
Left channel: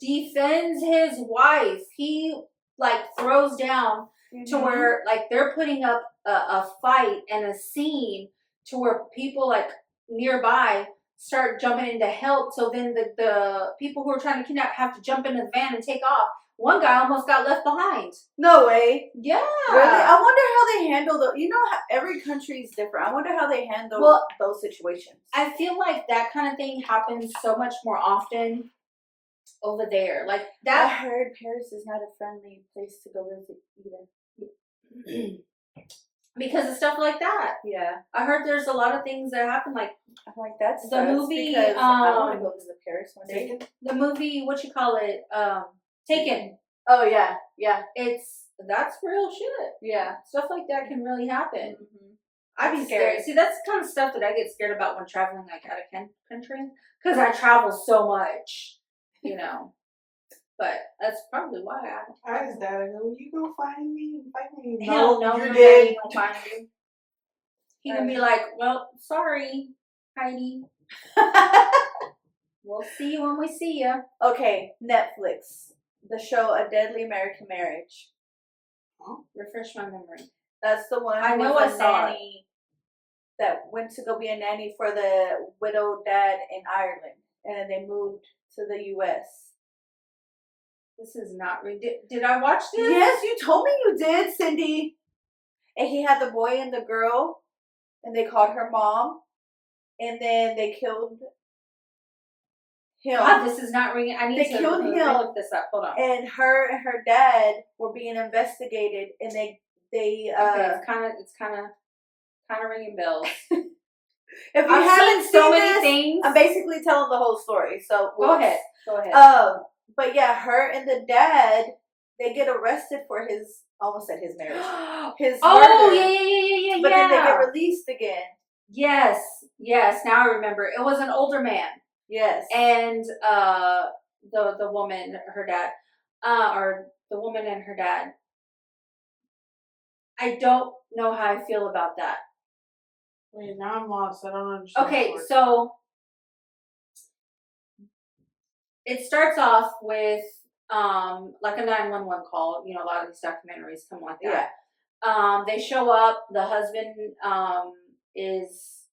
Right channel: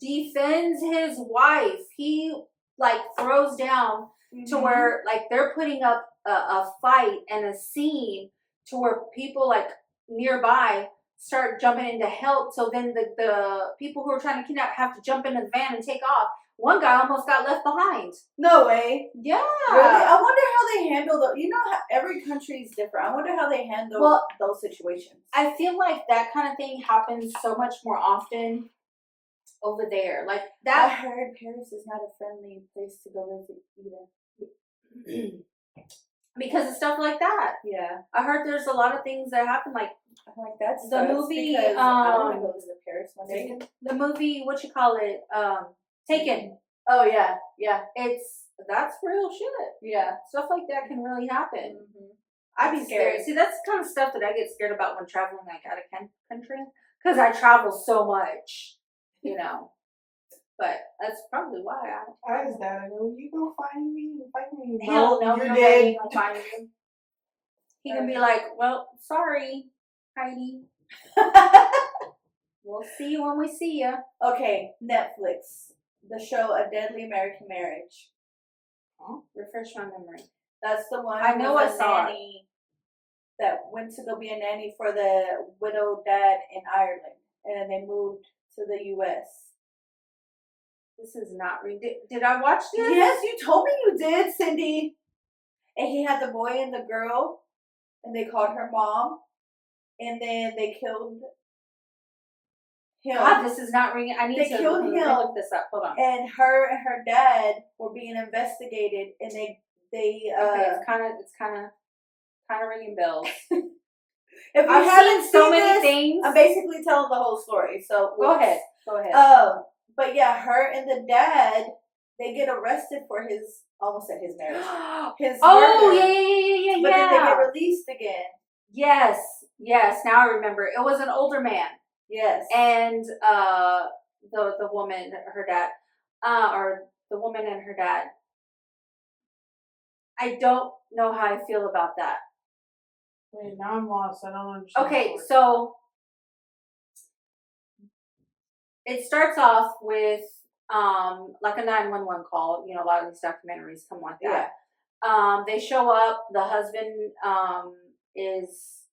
defends his wife. He, like, throws down to where, like, they're putting up a fight and a scene to where people, like, nearby start jumping in to help. So then the people who are trying to kidnap have to jump into the van and take off. One guy almost got left behind. No way. Yeah. Really? I wonder how they handle the. You know, how every country is different. I wonder how they handle those situations. I feel like that kind of thing happens so much more often over there. Like that. I heard Paris is not a friendly place to go visit either. Because of stuff like that. Yeah. I heard there's a lot of things that happen. Like, I'm like, that's the movie. I want to go visit Paris one day. The movie, what you call it? Taken. Oh yeah, yeah. That's real shit. Yeah, stuff like that can really happen. Mm-hmm. I'd be scared. See, that's the kind of stuff that I get scared about when traveling, like out of country, because I travel so much, you know. But that's probably why I asked Dad, I go, you go find me. Hell no, you're no, dead. ain't gonna find you. He can be like, well, sorry, Heidi. We'll see you when we see you. Okay, Netflix. The show A Deadly American Marriage. Huh? Refresh my memory. That's the one. I know I saw nanny that went to go be a nanny for the widowed dad in Ireland, and then they moved to the U.S. This is not did I watch this? Yes, you told me you did, Cindy. And he had the boy and the girl, and they called her mom, and then they killed him. God, this is not ringing. I need to killed him. Look this up. Hold on. And her and her dad were being investigated, and they okay, it's kind of ringing bells. If you I've haven't seen so seen many this, things. I'm basically telling the whole story. So go ahead. But yeah, her and the dad, they get arrested for his almost at his marriage. His murder. Yeah. But then they get released again. Yes. Now I remember. It was an older man. Yes. And the woman, her dad, or the woman and her dad. I don't know how I feel about that. Wait, now I'm lost. I don't understand. Okay, so it starts off with like a 911 call. You know, a lot of these documentaries come like that. Yeah. They show up. The husband is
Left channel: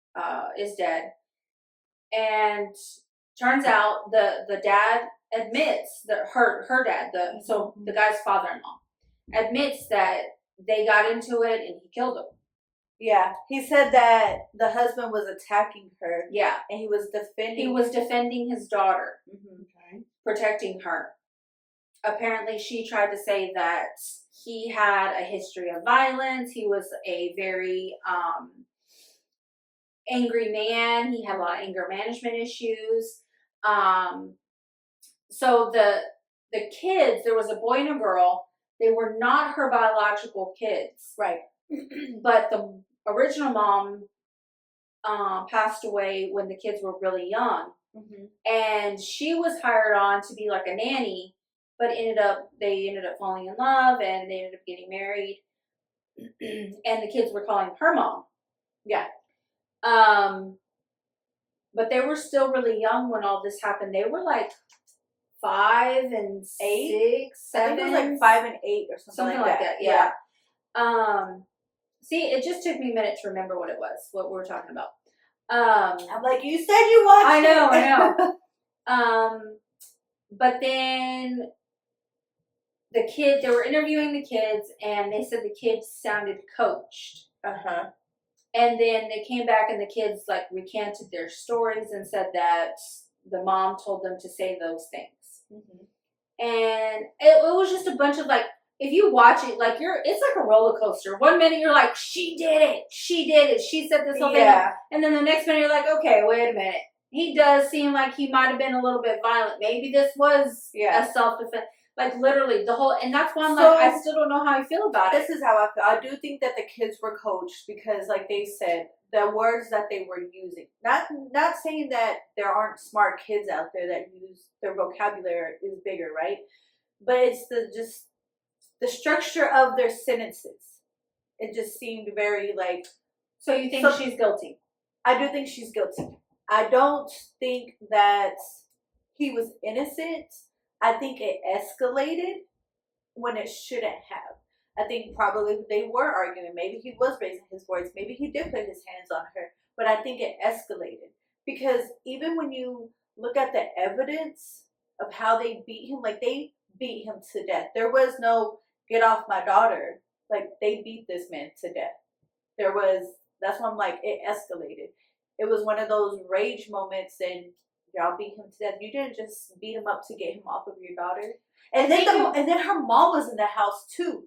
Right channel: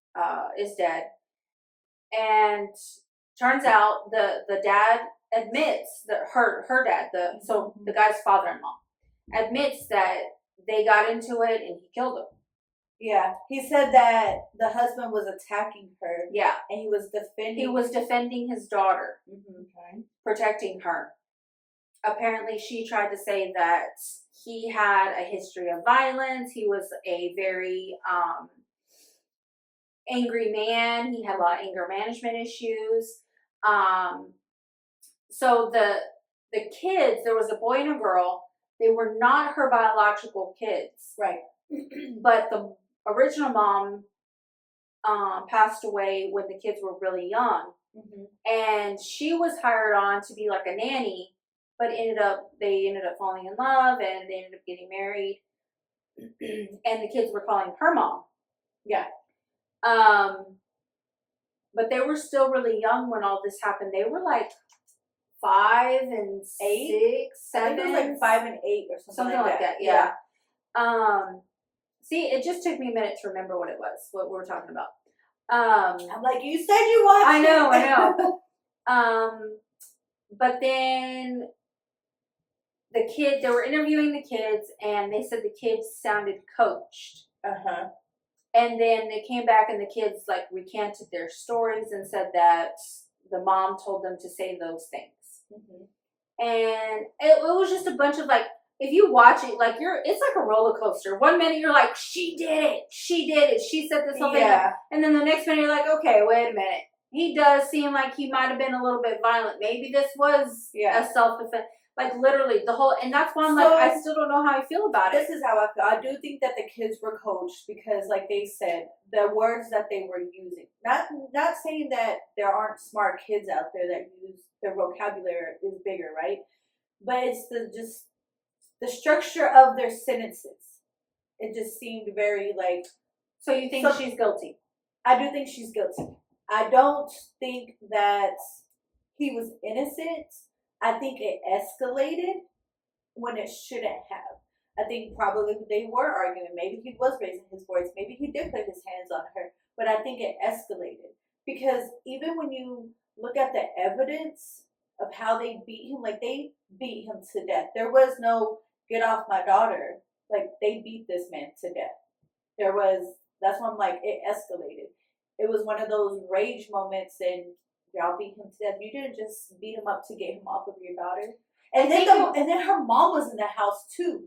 dead, And turns out the dad admits that her dad, the guy's father-in-law, admits that they got into it and he killed him. Yeah, he said that the husband was attacking her. Yeah, and he was defending. He was defending his daughter, Okay. protecting her. Apparently, she tried to say that he had a history of violence. He was a very angry man. He had a lot of anger management issues. So the kids, there was a boy and a girl. They were not her biological kids. Right. But the original mom passed away when the kids were really young. And she was hired on to be like a nanny, but they ended up falling in love and they ended up getting married. And the kids were calling her mom. Yeah. But they were still really young when all this happened. They were like 5 and 8, 6, 7. I think it was like 5 and 8 or something like that. Yeah. See, it just took me a minute to remember what we were talking about. I'm like, you said you watched I it. know. But then the kid, they were interviewing the kids, and they said the kids sounded coached. And then they came back, and the kids like recanted their stories and said that the mom told them to say those things. And it was just a bunch of like, if you watch it, like it's like a roller coaster. 1 minute you're like, she did it, she said this whole thing, and then the next minute you're like, okay, wait a minute, he does seem like he might have been a little bit violent. Maybe this was a self-defense. Like literally the whole, and that's why I'm like, I still don't know how I feel about it. This is how I feel. I do think that the kids were coached because, like they said, the words that they were using. Not saying that there aren't smart kids out there that use their vocabulary is bigger, right? But it's the structure of their sentences. It just seemed very like. So you think she's guilty? I do think she's guilty. I don't think that he was innocent. I think it escalated when it shouldn't have. I think probably they were arguing. Maybe he was raising his voice. Maybe he did put his hands on her. But I think it escalated. Because even when you look at the evidence of how they beat him, like they beat him to death. There was no get off my daughter. Like they beat this man to death. That's why I'm like, it escalated. It was one of those rage moments and y'all beat him to death. You didn't just beat him up to get him off of your daughter. And then her mom was in the house too.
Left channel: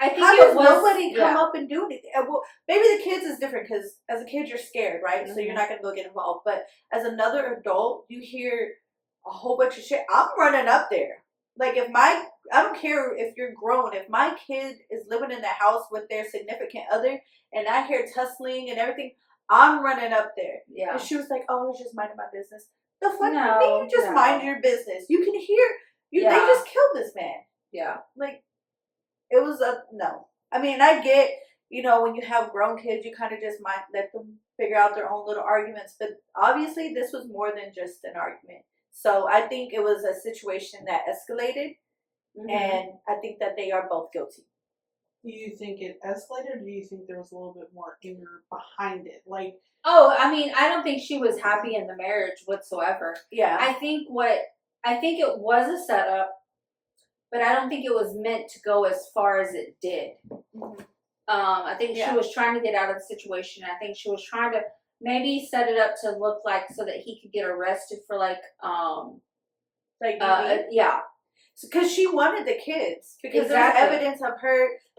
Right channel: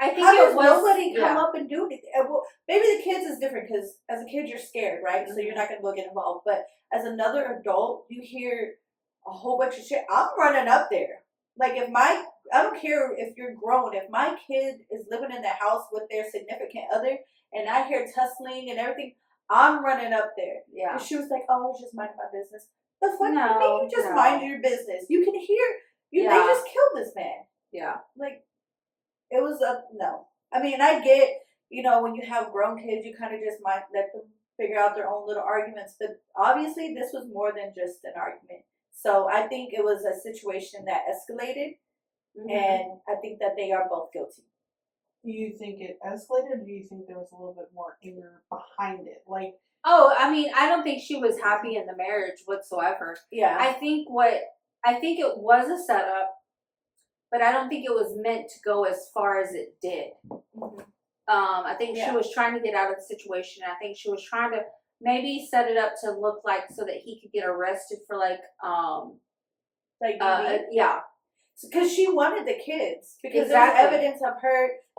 I think how does nobody come up and do anything? Well, maybe the kids is different because as a kid you're scared, right? So you're not gonna go get involved. But as another adult, you hear a whole bunch of shit. I'm running up there. Like I don't care if you're grown. If my kid is living in the house with their significant other and I hear tussling and everything, I'm running up there. Yeah. And she was like, "Oh, I was just minding my business." The fuck you just mind your business. You can hear they just killed this man. Yeah. Like it was no. I mean, I get, when you have grown kids, you kind of just might let them figure out their own little arguments. But obviously, this was more than just an argument. So I think it was a situation that escalated, and I think that they are both guilty. Do you think it escalated, or do you think there was a little bit more anger behind it? Like, oh, I mean, I don't think she was happy in the marriage whatsoever. Yeah. I think it was a setup, but I don't think it was meant to go as far as it did. I think she was trying to get out of the situation. I think she was trying to maybe set it up to look like so that he could get arrested for because she wanted the kids. Because there's evidence of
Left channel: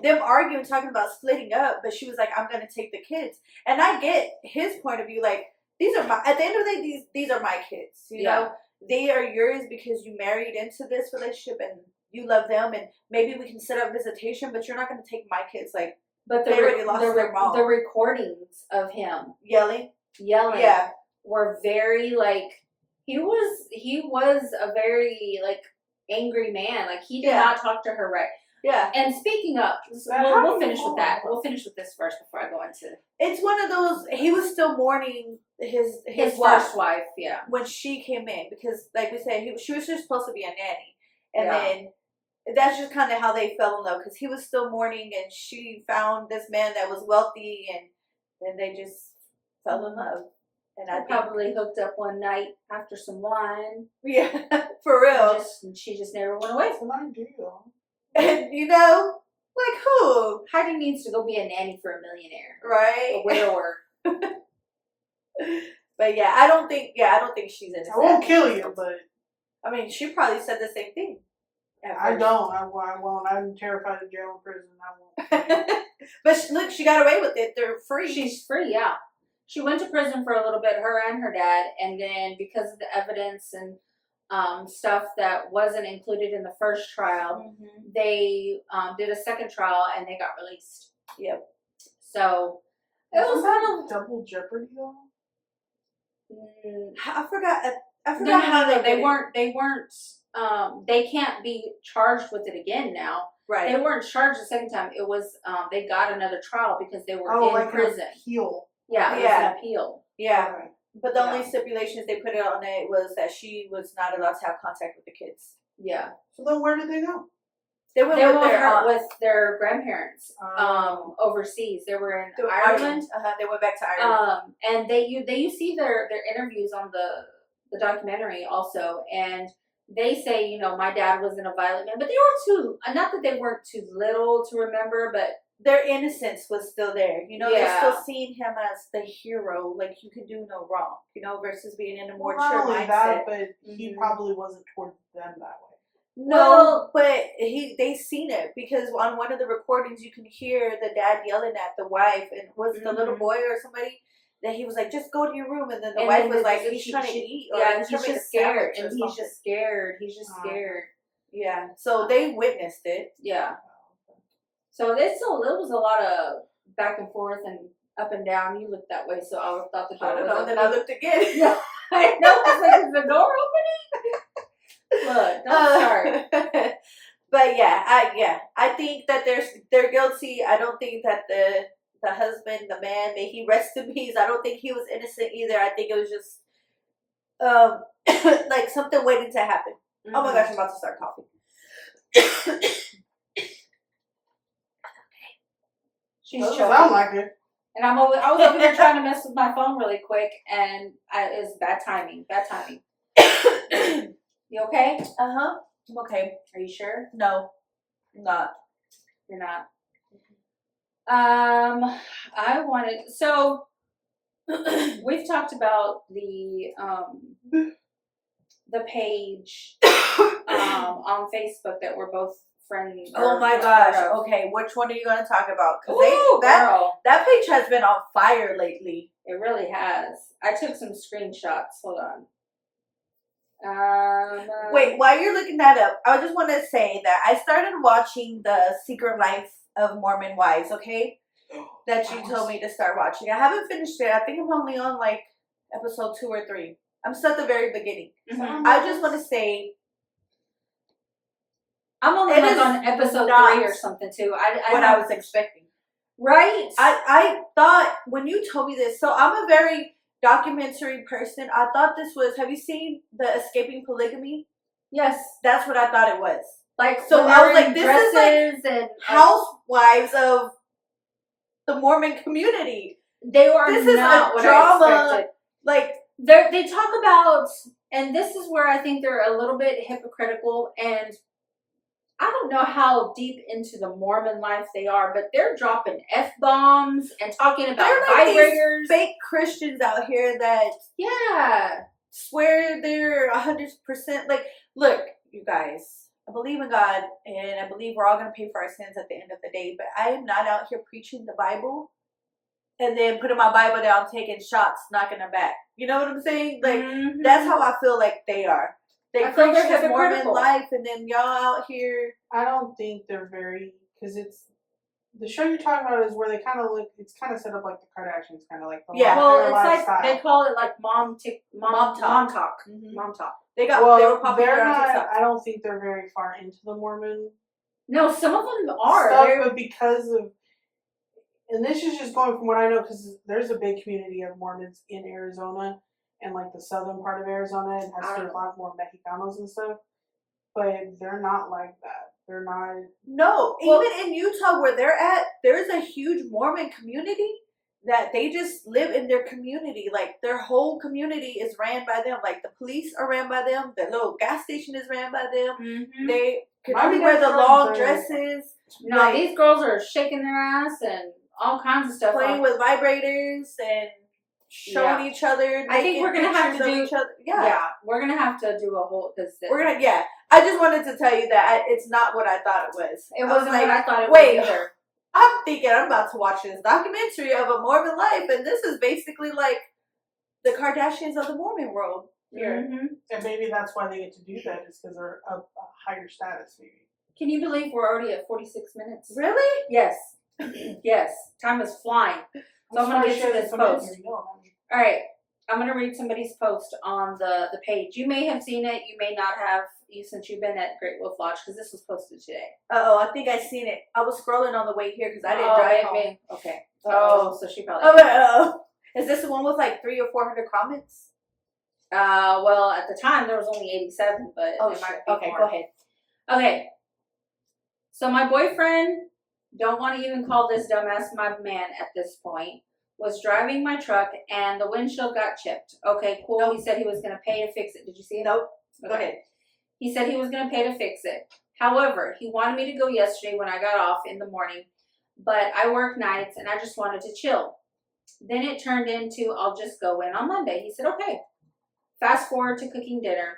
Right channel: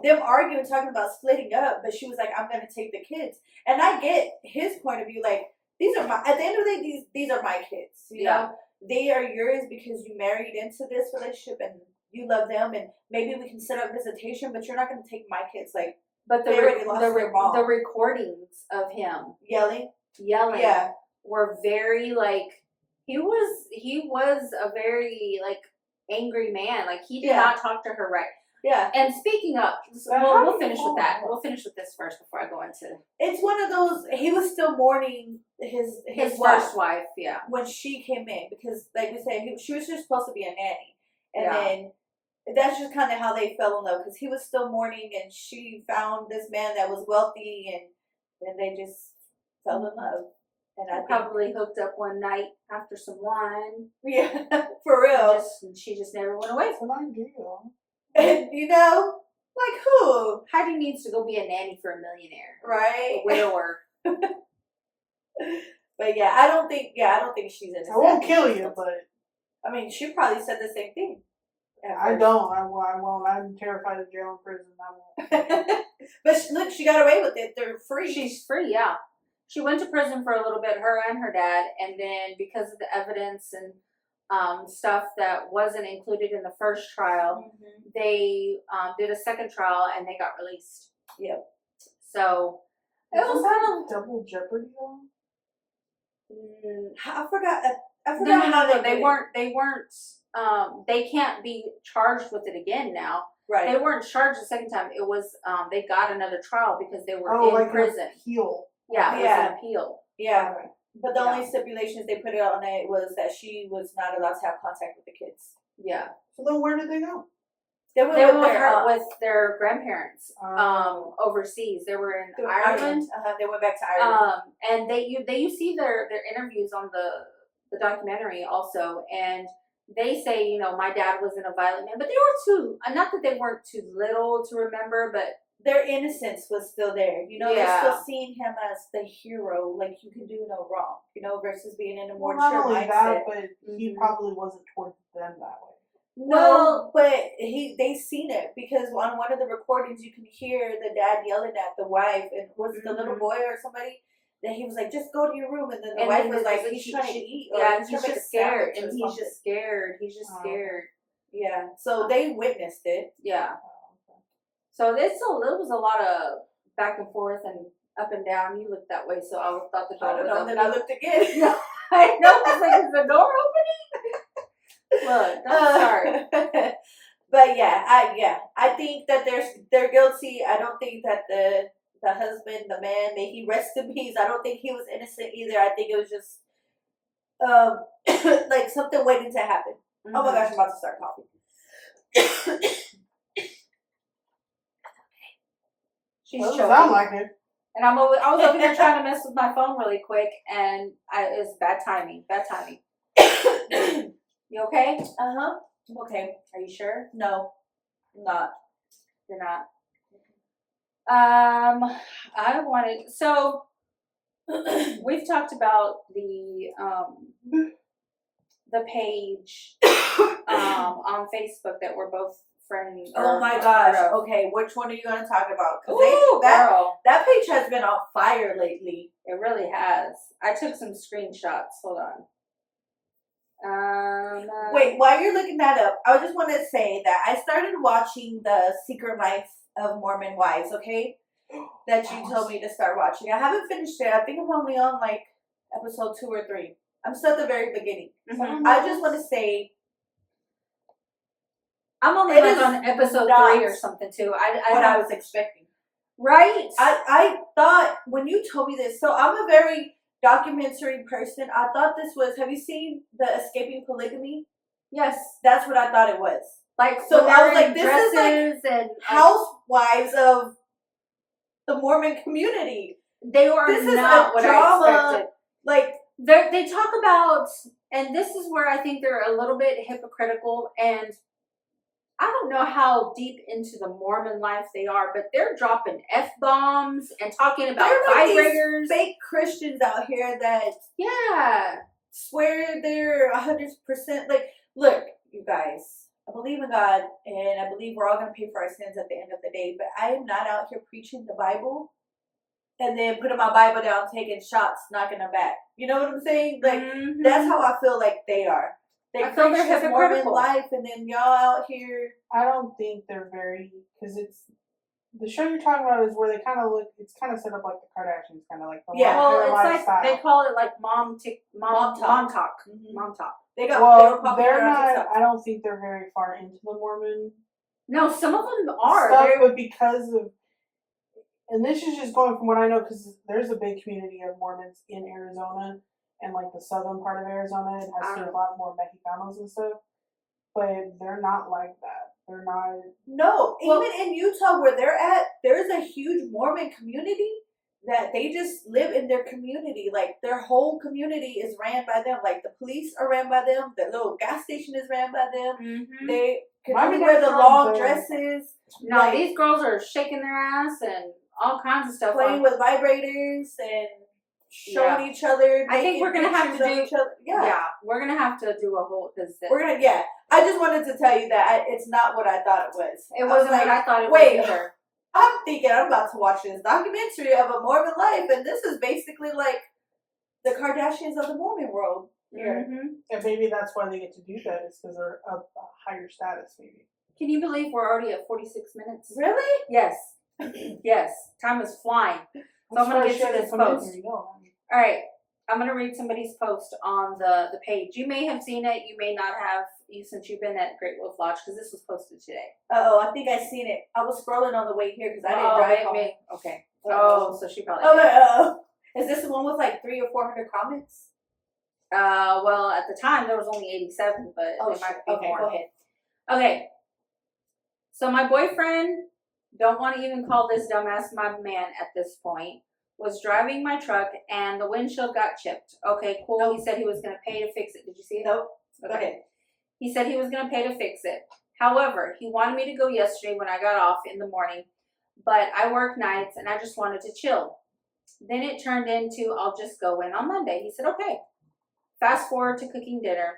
them arguing, talking about splitting up, but she was like, I'm going to take the kids. And I get his point of view, like, at the end of the day, these are my kids, you know? They are yours because you married into this relationship and you love them, and maybe we can set up visitation, but you're not going to take my kids, like, but the recordings of him yelling were very, like, he was a very, like, angry man. Like, he did not talk to her right. Yeah. And speaking of, we'll finish with that. We'll finish with this first before I go into. It's one of those. He was still mourning his first wife. Yeah. When she came in, because like we said, she was just supposed to be a nanny, and then that's just kind of how they fell in love, because he was still mourning, and she found this man that was wealthy, and then they just fell in love. And I probably hooked up one night after some wine. Yeah, for real. She just never went away. It's an idea. And you know, like who? Heidi needs to go be a nanny for a millionaire, Right? a widower. But yeah, I don't think she's innocent. I won't kill you, but I mean, she probably said the same thing. I don't. I won't. I'm terrified of jail and prison. I won't. But look, she got away with it. They're free. She's free, yeah. She went to prison for a little bit, her and her dad, and then because of the evidence and stuff that wasn't included in the first trial, they did a second trial and they got released. Yep. So it was kind of double jeopardy though. I forgot no, how they weren't. They can't be charged with it again now. Right. They weren't charged the second time. It was they got another trial because they were in like prison. An appeal. Yeah, it was an appeal. Yeah. Okay. But the only stipulations they put it on it was that she was not allowed to have contact with the kids. Yeah. So then where did they go? They went with their grandparents overseas. They were in Ireland. They went back to Ireland. And you see their interviews on the documentary also, and they say, you know, my dad wasn't a violent man, but they were not that they weren't too little to remember, but their innocence was still there. You know, yeah. they're still seeing him as the hero, like you can do no wrong, you know, versus being in a more mature mindset. That, but he probably wasn't towards them that way. No, but they seen it because on one of the recordings you can hear the dad yelling at the wife, and was it the little boy or somebody that he was like, just go to your room, and then the wife was like, he's trying to eat, or yeah, he's just scared, and he's just scared. Yeah, so they witnessed it. Yeah. So it was a lot of back and forth and up and down. You looked that way, so I thought the door was open. Then I looked again. Yeah, I know. I was like, is the door opening? Look, don't start. But I think that they're guilty. I don't think that the husband, the man, may he rest in peace, I don't think he was innocent either. I think it was just like something waiting to happen. Mm-hmm. Oh my gosh, I'm about to start coughing. She's doesn't choking. Sound like it. And I was over there trying to mess with my phone really quick, and it's bad timing. Bad timing. You okay? I'm okay. Are you sure? No, I'm not. You're not. I wanted so we've talked about the page on Facebook that we're both friends. Oh my gosh! Okay, which one are you going to talk about? Ooh, that page has been on fire lately. It really has. I took some screenshots. Hold on. Wait, while you're looking that up, I just want to say that I started watching The Secret Life of Mormon Wives, okay? That you told me to start watching. I haven't finished it. I think I'm only on like episode 2 or 3. I'm still at the very beginning. Mm-hmm. I just want to say, I'm only like on episode 3 or something too. I was expecting. Right? I thought when you told me this, so I'm a very documentary person. I thought this was, have you seen the Escaping Polygamy? Yes. That's what I thought it was. Like, so I was like, this is like and housewives of the Mormon community. They were not what I expected. Like, they talk about, and this is where I think they're a little bit hypocritical, and I don't know how deep into the Mormon life they are, but they're dropping F-bombs and talking about vibrators. These fake Christians out here that swear they're 100%. Like, look, you guys, I believe in God, and I believe we're all going to pay for our sins at the end of the day, but I am not out here preaching the Bible and then putting my Bible down, taking shots, knocking them back. You know what I'm saying? Like, that's how I feel like they are. They preach this Mormon life, and then y'all out here. I don't think they're very, because it's the show you're talking about is where they kind of look. It's kind of set up like the Kardashians, kind of like well, it's lifestyle. Like they call it like mom talk. Mm-hmm. Mom talk. They were popular on not. TikTok. I don't think they're very far into the Mormon. No, some of them are. But because of, and this is just going from what I know, because there's a big community of Mormons in Arizona. And like the southern part of Arizona, it has a lot more Mexicanos and stuff. But they're not like that. They're not. No, even in Utah where they're at, there's a huge Mormon community. that they just live in their community. Like their whole community is ran by them. Like the police are ran by them. The little gas station is ran by them. Mm-hmm. They can Why only do wear they the try long to- dresses. No, like, these girls are shaking their ass and all kinds of stuff. playing with vibrators and showing each other. I think we're gonna have to pictures of do. each other. Yeah, we're gonna have to do a whole. Cause We're gonna. Yeah, I just wanted to tell you that it's not what I thought it was. It I was wasn't like, what I thought it wait, was either. I'm thinking I'm about to watch this documentary of a Mormon life, and this is basically like the Kardashians of the Mormon world here. Mm-hmm. And maybe that's why they get to do that, is because they're of a higher status, maybe. Can you believe we're already at 46 minutes? Really? Yes. Yes. Time is flying. So I'm going to get to this post. All right. I'm going to read somebody's post on the page. You may have seen it. You may not have, since you've been at Great Wolf Lodge, because this was posted today. I think I seen it. I was scrolling on the way here because I didn't drive home. Okay. Uh-oh. Oh, so she probably. Oh, is this the one with like 300 or 400 comments? Well, at the time there was only 87, but Oh, it might shit. be Okay, more. go ahead. Okay. So my boyfriend, don't want to even call this dumbass my man at this point, was driving my truck and the windshield got chipped. Okay, cool. Nope. He said he was going to pay to fix it. Did you see it? Nope. Go Okay. ahead. He said he was going to pay to fix it. However, he wanted me to go yesterday when I got off in the morning, but I work nights and I just wanted to chill. Then it turned into, I'll just go in on Monday. He said, okay. Fast forward to cooking dinner.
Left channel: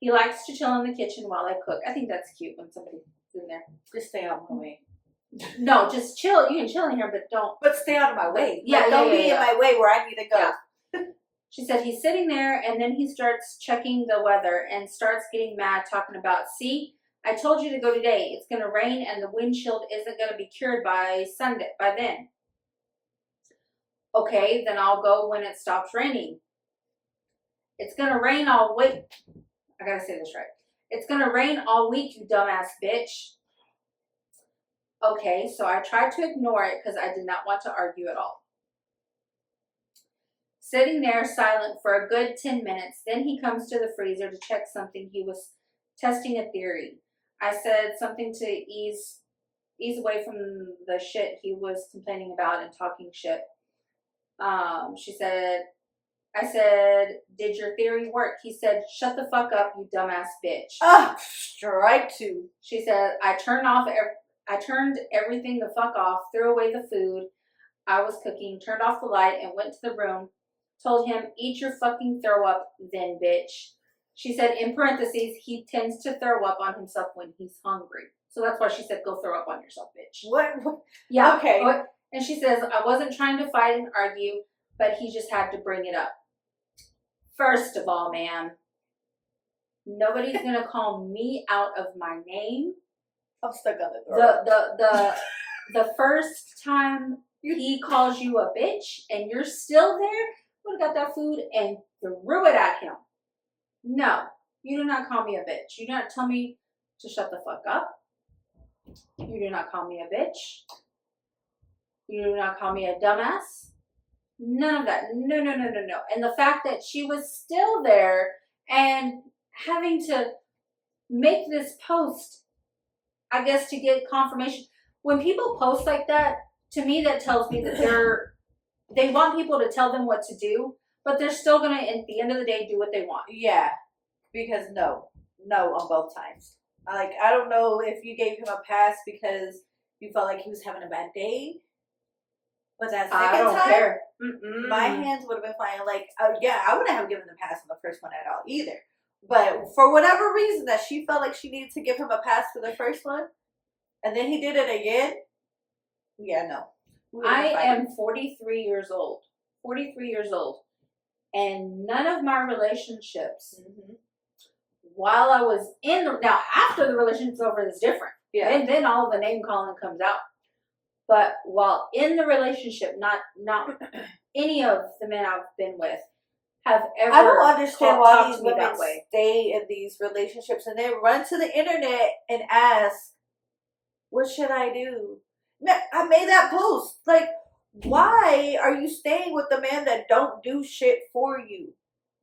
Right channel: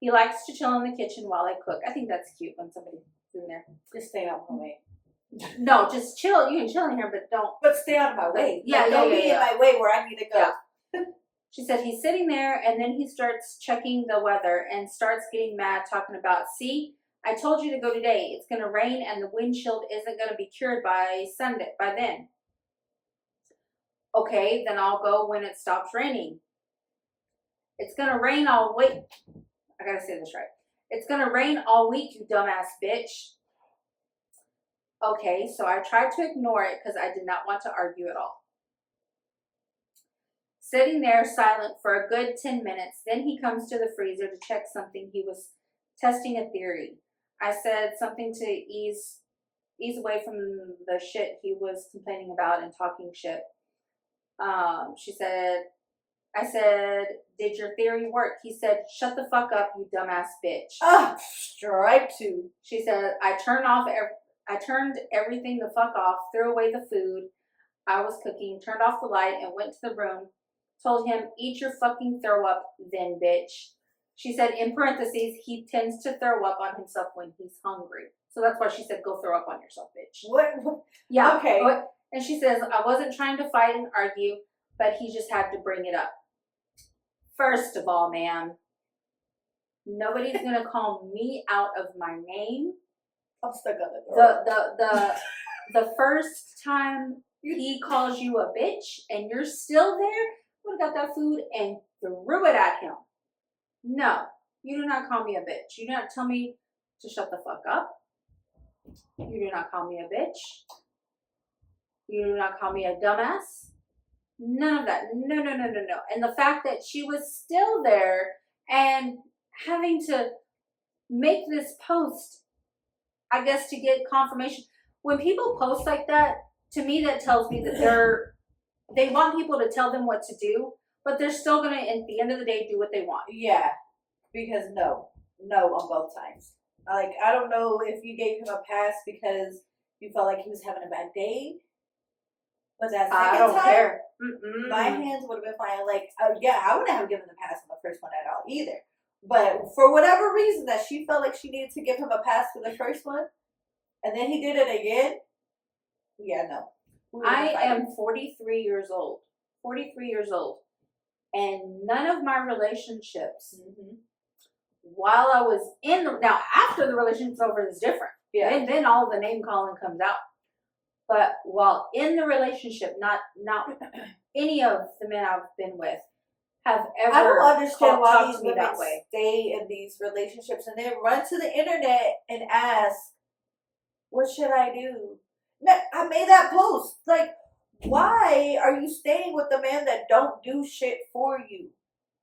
He likes to chill in the kitchen while I cook. I think that's cute when somebody's in there. Just stay out of my way. No, just chill. You can chill in here, but don't. But stay out of my way. Yeah, Like, don't be yeah. in my way where I need to go. Yeah. She said he's sitting there and then he starts checking the weather and starts getting mad, talking about, see, I told you to go today. It's going to rain and the windshield isn't going to be cured by Sunday, by then. Okay, then I'll go when it stops raining. It's going to rain all week. I got to say this right. It's going to rain all week, you dumbass bitch. Okay, so I tried to ignore it because I did not want to argue at all. Sitting there silent for a good 10 minutes, then he comes to the freezer to check something. He was testing a theory. I said something to ease away from the shit he was complaining about and talking shit. I said, did your theory work? He said, shut the fuck up, you dumbass bitch. Strike two. She said, I turned everything the fuck off, threw away the food I was cooking, turned off the light, and went to the room. Told him, eat your fucking throw up then, bitch. She said, in parentheses, he tends to throw up on himself when he's hungry. So that's why she said, go throw up on yourself, bitch. What? Yeah. Okay. And she says, I wasn't trying to fight and argue, but he just had to bring it up. First of all, ma'am, nobody's going to call me out of my name. I'm stuck on the The first time he calls you a bitch and you're still there, would have got that food and threw it at him. No, you do not call me a bitch. You do not tell me to shut the fuck up. You do not call me a bitch. You do not call me a dumbass. None of that. No. And the fact that she was still there and having to make this post, I guess, to get confirmation. When people post like that, to me that tells me that they want people to tell them what to do, but they're still going to, at the end of the day, do what they want. Yeah, because no on both times. Like, I don't know if you gave him a pass because you felt like he was having a bad day. But that second I don't time, care. my hands would have been fine. Like, I wouldn't have given the pass on the first one at all either. But for whatever reason that she felt like she needed to give him a pass for the first one, and then he did it again. Yeah, no. I am 43 years old. 43 years old. And none of my relationships, while I was now after the relationship's over is different. Yeah. And then all the name calling comes out. But while in the relationship, not any of the men I've been with have ever I don't understand why talked these to me women that way. stay in these relationships and then run to the internet and ask, what should I do? I made that post. Like, why are you staying with the man that don't do shit for you?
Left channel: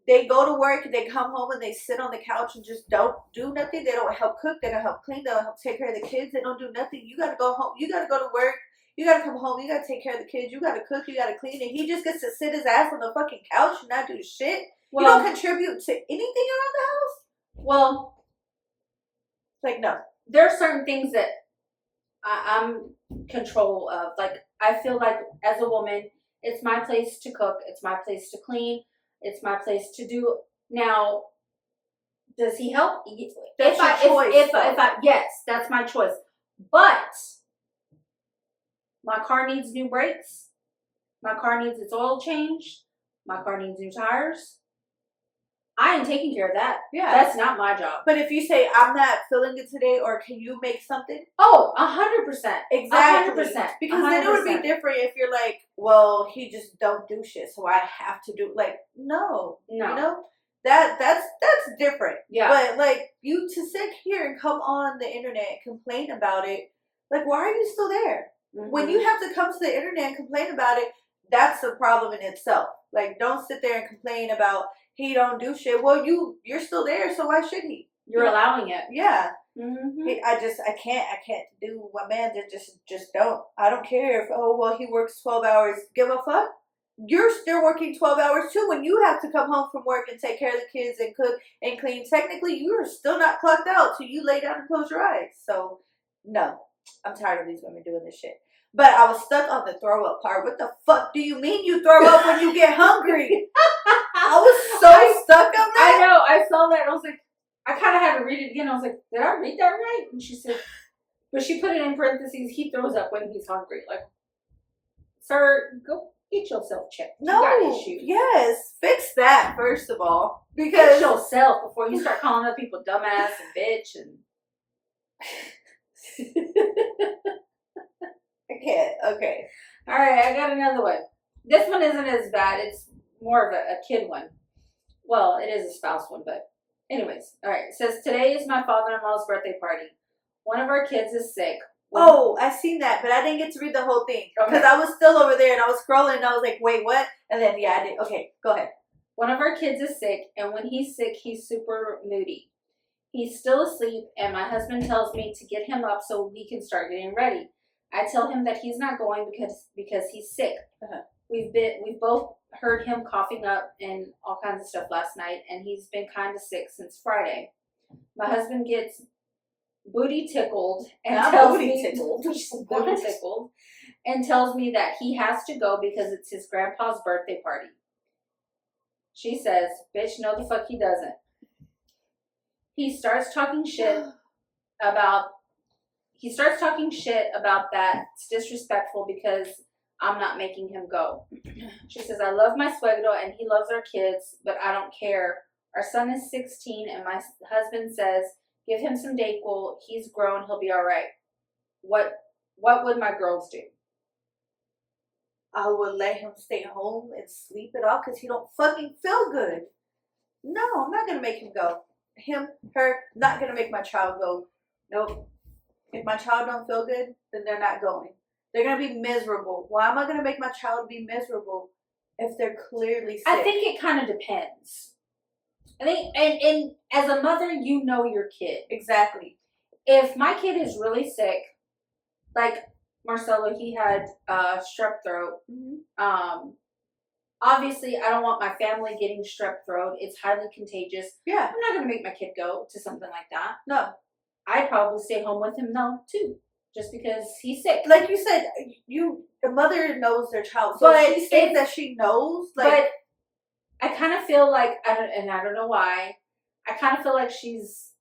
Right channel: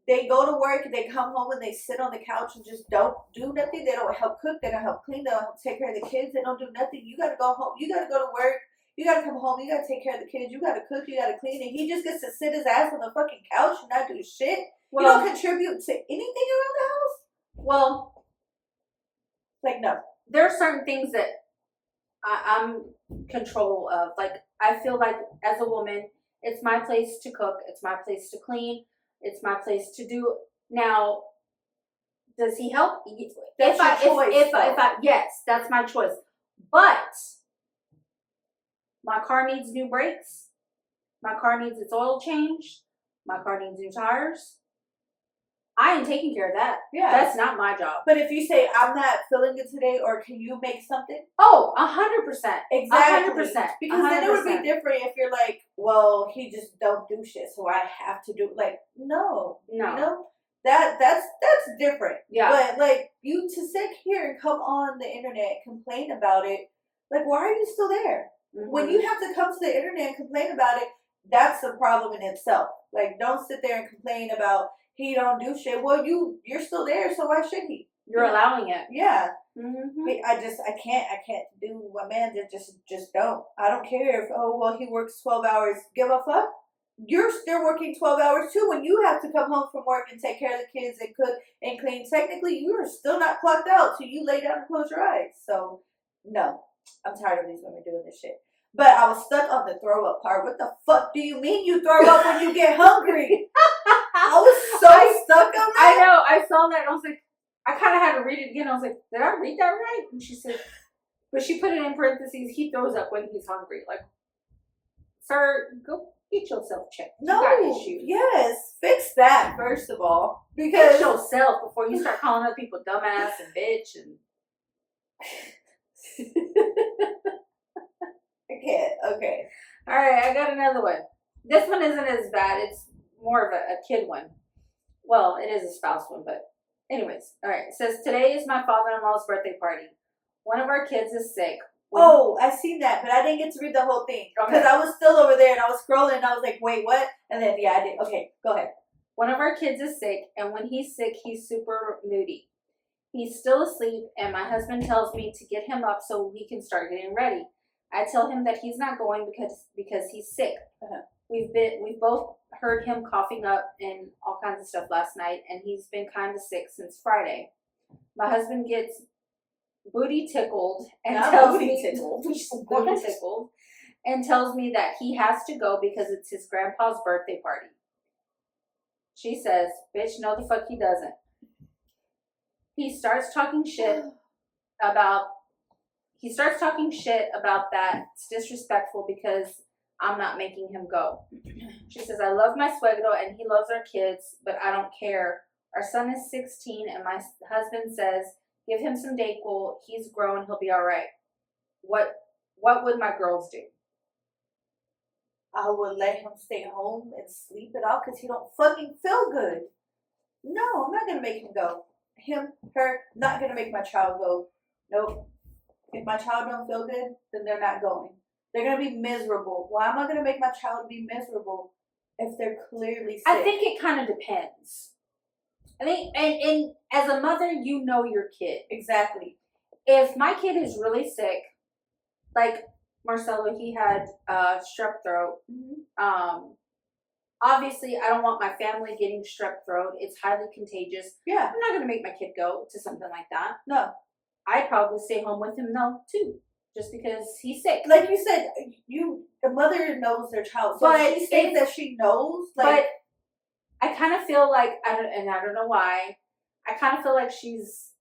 They go to work, they come home, and they sit on the couch and just don't do nothing. They don't help cook. They don't help clean. They don't help take care of the kids. They don't do nothing. You got to go home. You got to go to work. You gotta come home. You gotta take care of the kids. You gotta cook. You gotta clean. And he just gets to sit his ass on the fucking couch and not do shit. Well, you don't contribute to anything around the house. Well, Like, no. there are certain things that I'm control of. Like, I feel like as a woman, it's my place to cook. It's my place to clean. It's my place to do. Now, does he help? That's your choice. Yes, that's my choice. But my car needs new brakes. My car needs its oil changed. My car needs new tires. I ain't taking care of that. Yeah. That's not my job. But if you say, I'm not feeling it today, or can you make something? Oh, 100%. Exactly. 100%. Because then it would be different if you're like, well, he just don't do shit, so I have to do, like, no. No. You know? That's different. Yeah. But, like, you to sit here and come on the internet and complain about it, like, why are you still there? Mm-hmm. When you have to come to the internet and complain about it, that's a problem in itself. Like, don't sit there and complain about he don't do shit. Well, you're still there, so why should he? You're allowing it. Yeah. Mm-hmm. I can't do my man. Just don't. I don't care if, oh, well, he works 12 hours. Give a fuck. You're still working 12 hours too when you have to come home from work and take care of the kids and cook and clean. Technically, you are still not clocked out till you lay down and close your eyes. So, no. I'm tired of these women doing this shit. But I was stuck on the throw up part. What the fuck do you mean you throw up when you get hungry? I was so stuck on that. I know. I saw that. And I was like, I kind of had to read it again. I was like, did I read that right? And she said, but she put it in parentheses. He throws up when he's hungry. Like, sir, go get yourself checked. You got issues. Yes, fix that first of all. Fix Because yourself before you start calling other people dumbass and bitch and. I can't. Okay. All right, I got another one. This one isn't as bad. It's more of a kid one. Well, it is a spouse one, but anyways. All right. It says, today is my father-in-law's birthday party. One of our kids is sick. Oh, I seen that, but I didn't get to read the whole thing. Because I was still over there and I was scrolling and I was like, wait, what? And then, yeah, I did. Okay, go ahead. One of our kids is sick, and when he's sick, he's super moody. He's still asleep, and my husband tells me to get him up so we can start getting ready. I tell him that he's not going because he's sick. Uh-huh. We've both heard him coughing up and all kinds of stuff last night, and he's been kind of sick since Friday. My husband gets booty tickled and tells me booty tickled and tells me that he has to go because it's his grandpa's birthday party. She says, "Bitch, no the fuck he doesn't." He starts talking shit about that. It's disrespectful because I'm not making him go. She says, I love my suegro and he loves our kids, but I don't care. Our son is 16 and my husband says, give him some Dayquil. He's grown. He'll be all right. What would my girls do? I would let him stay home and sleep it off because he don't fucking feel good. No, I'm not going to make him go. Him, her, not going to make my child go. Nope. If my child don't feel good, then they're not going. They're going to be miserable. Why am I going to make my child be miserable if they're clearly sick? I think it kind of depends. I think, and as a mother, you know your kid. Exactly. If my kid is really sick, like Marcelo, he had strep throat. Mm-hmm. Obviously, I don't want my family getting strep throat. It's highly contagious. Yeah. I'm not going to make my kid go to something like that. No. I'd probably stay home with him though, too. Just because he's sick. Like you said, the mother knows their child. So but she says that she knows. Like, but I kind of feel like, I don't know why, I kind of feel like she's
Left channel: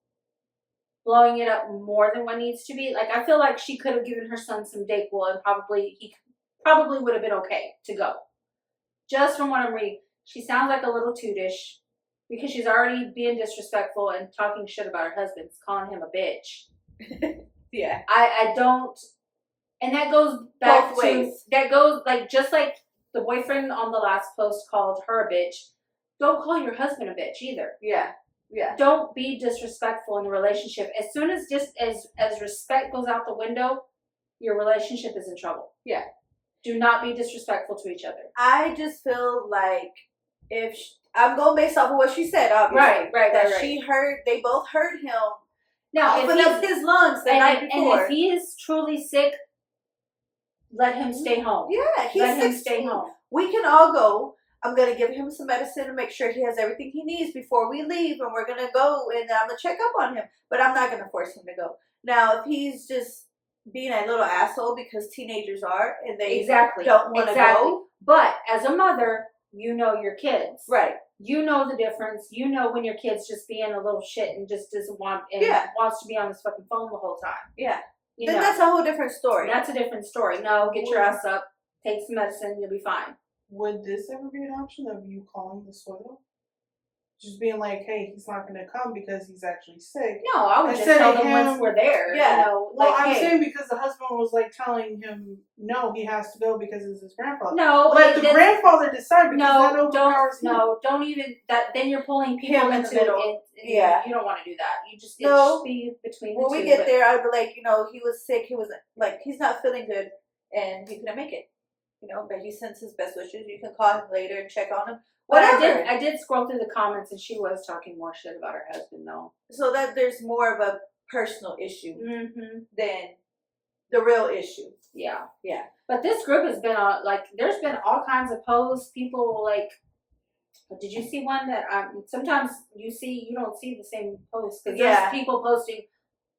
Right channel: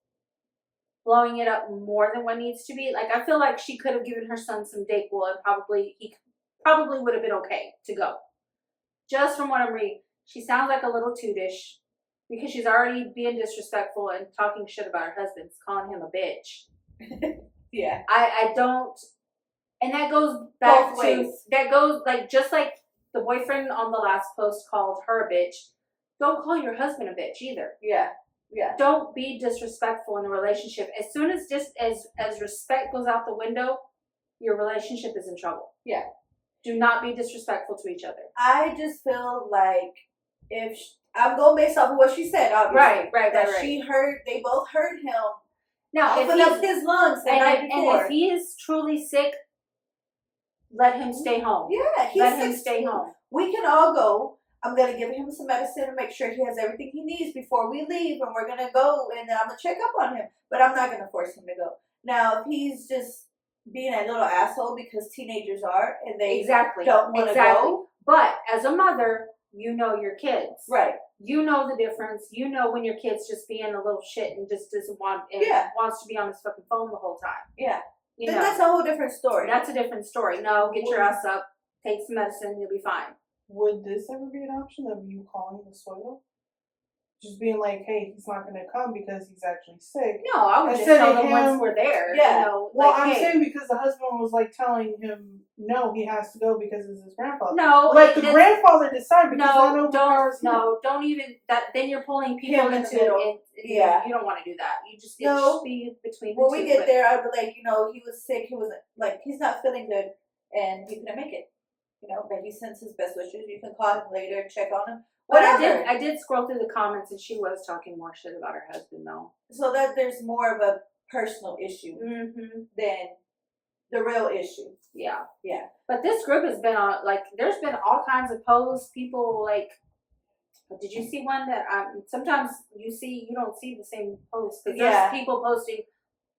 blowing it up more than what needs to be. Like, I feel like she could have given her son some Dayquil and he probably would have been okay to go. Just from what I'm reading, she sounds like a little tootish because she's already being disrespectful and talking shit about her husband, calling him a bitch. Yeah. I don't, and that goes back Both ways. That goes, like, just like the boyfriend on the last post called her a bitch, don't call your husband a bitch either. Yeah. Yeah. Don't be disrespectful in a relationship. As soon as as respect goes out the window, your relationship is in trouble. Yeah. Do not be disrespectful to each other. I just feel like if I'm going based off of what she said, obviously. Right. She heard, they both heard him Now, open up his lungs the night before. and if he is truly sick, let him stay home. Yeah, he's Let him 16. stay home. We can all go. I'm going to give him some medicine and make sure he has everything he needs before we leave. And we're going to go and I'm going to check up on him. But I'm not going to force him to go. Now, if he's just being a little asshole because teenagers are and they don't want to go. But as a mother, you know your kids. Right. You know the difference. You know when your kid's just being a little shit and just doesn't want and wants to be on his fucking phone the whole time. Yeah. You know. That's a whole different story. That's a different story. No, get your ass up, take some medicine, you'll be fine. Would this ever be an option of you calling the soil? Just being like, hey, he's not going to come because he's actually sick. No, I would just tell them once we're there. Yeah. You know, well, like, I'm hey. saying because the husband was like telling him, no, he has to go because it's his grandfather. No, let the grandfather decide. Because don't even that. Then you're pulling people in the middle. You don't want to do that. You just it should be between. When we get there, I'd be like, he was sick. He was like, he's not feeling good, and he couldn't make it. But he sends his best wishes. You can call him later and check on him. Whatever. I did scroll through the comments, and she was talking more shit about her husband, though. So that there's more of a personal issue than the real issue. Yeah. Yeah. But this group has been on, there's been all kinds of posts. People, did you see one that, sometimes you don't see the same posts. Because there's people posting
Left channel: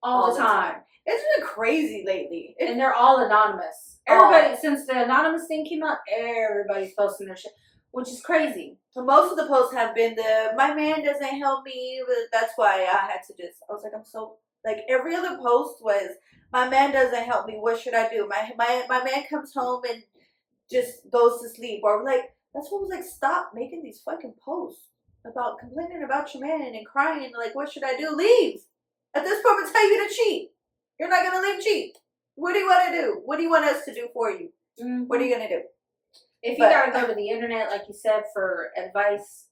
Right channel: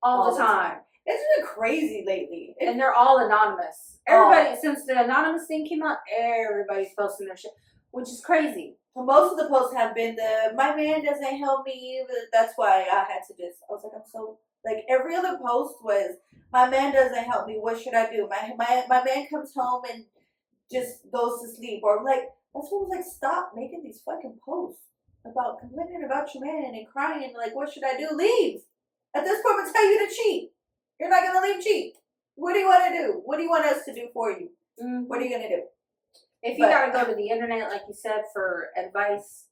all the time. It's been crazy lately. And they're all anonymous. Everybody, since the anonymous thing came out, everybody's posting their shit. Which is crazy. So most of the posts have been my man doesn't help me. That's why I had to I was like, every other post was, my man doesn't help me. What should I do? My man comes home and just goes to sleep. Or that's what was stop making these fucking posts about complaining about your man and crying. What should I do? Leave. At this point, I'm telling you to cheat. You're not going to leave cheat. What do you want to do? What do you want us to do for you? Mm-hmm. What are you going to do? If you gotta go to the internet, like you said, for advice,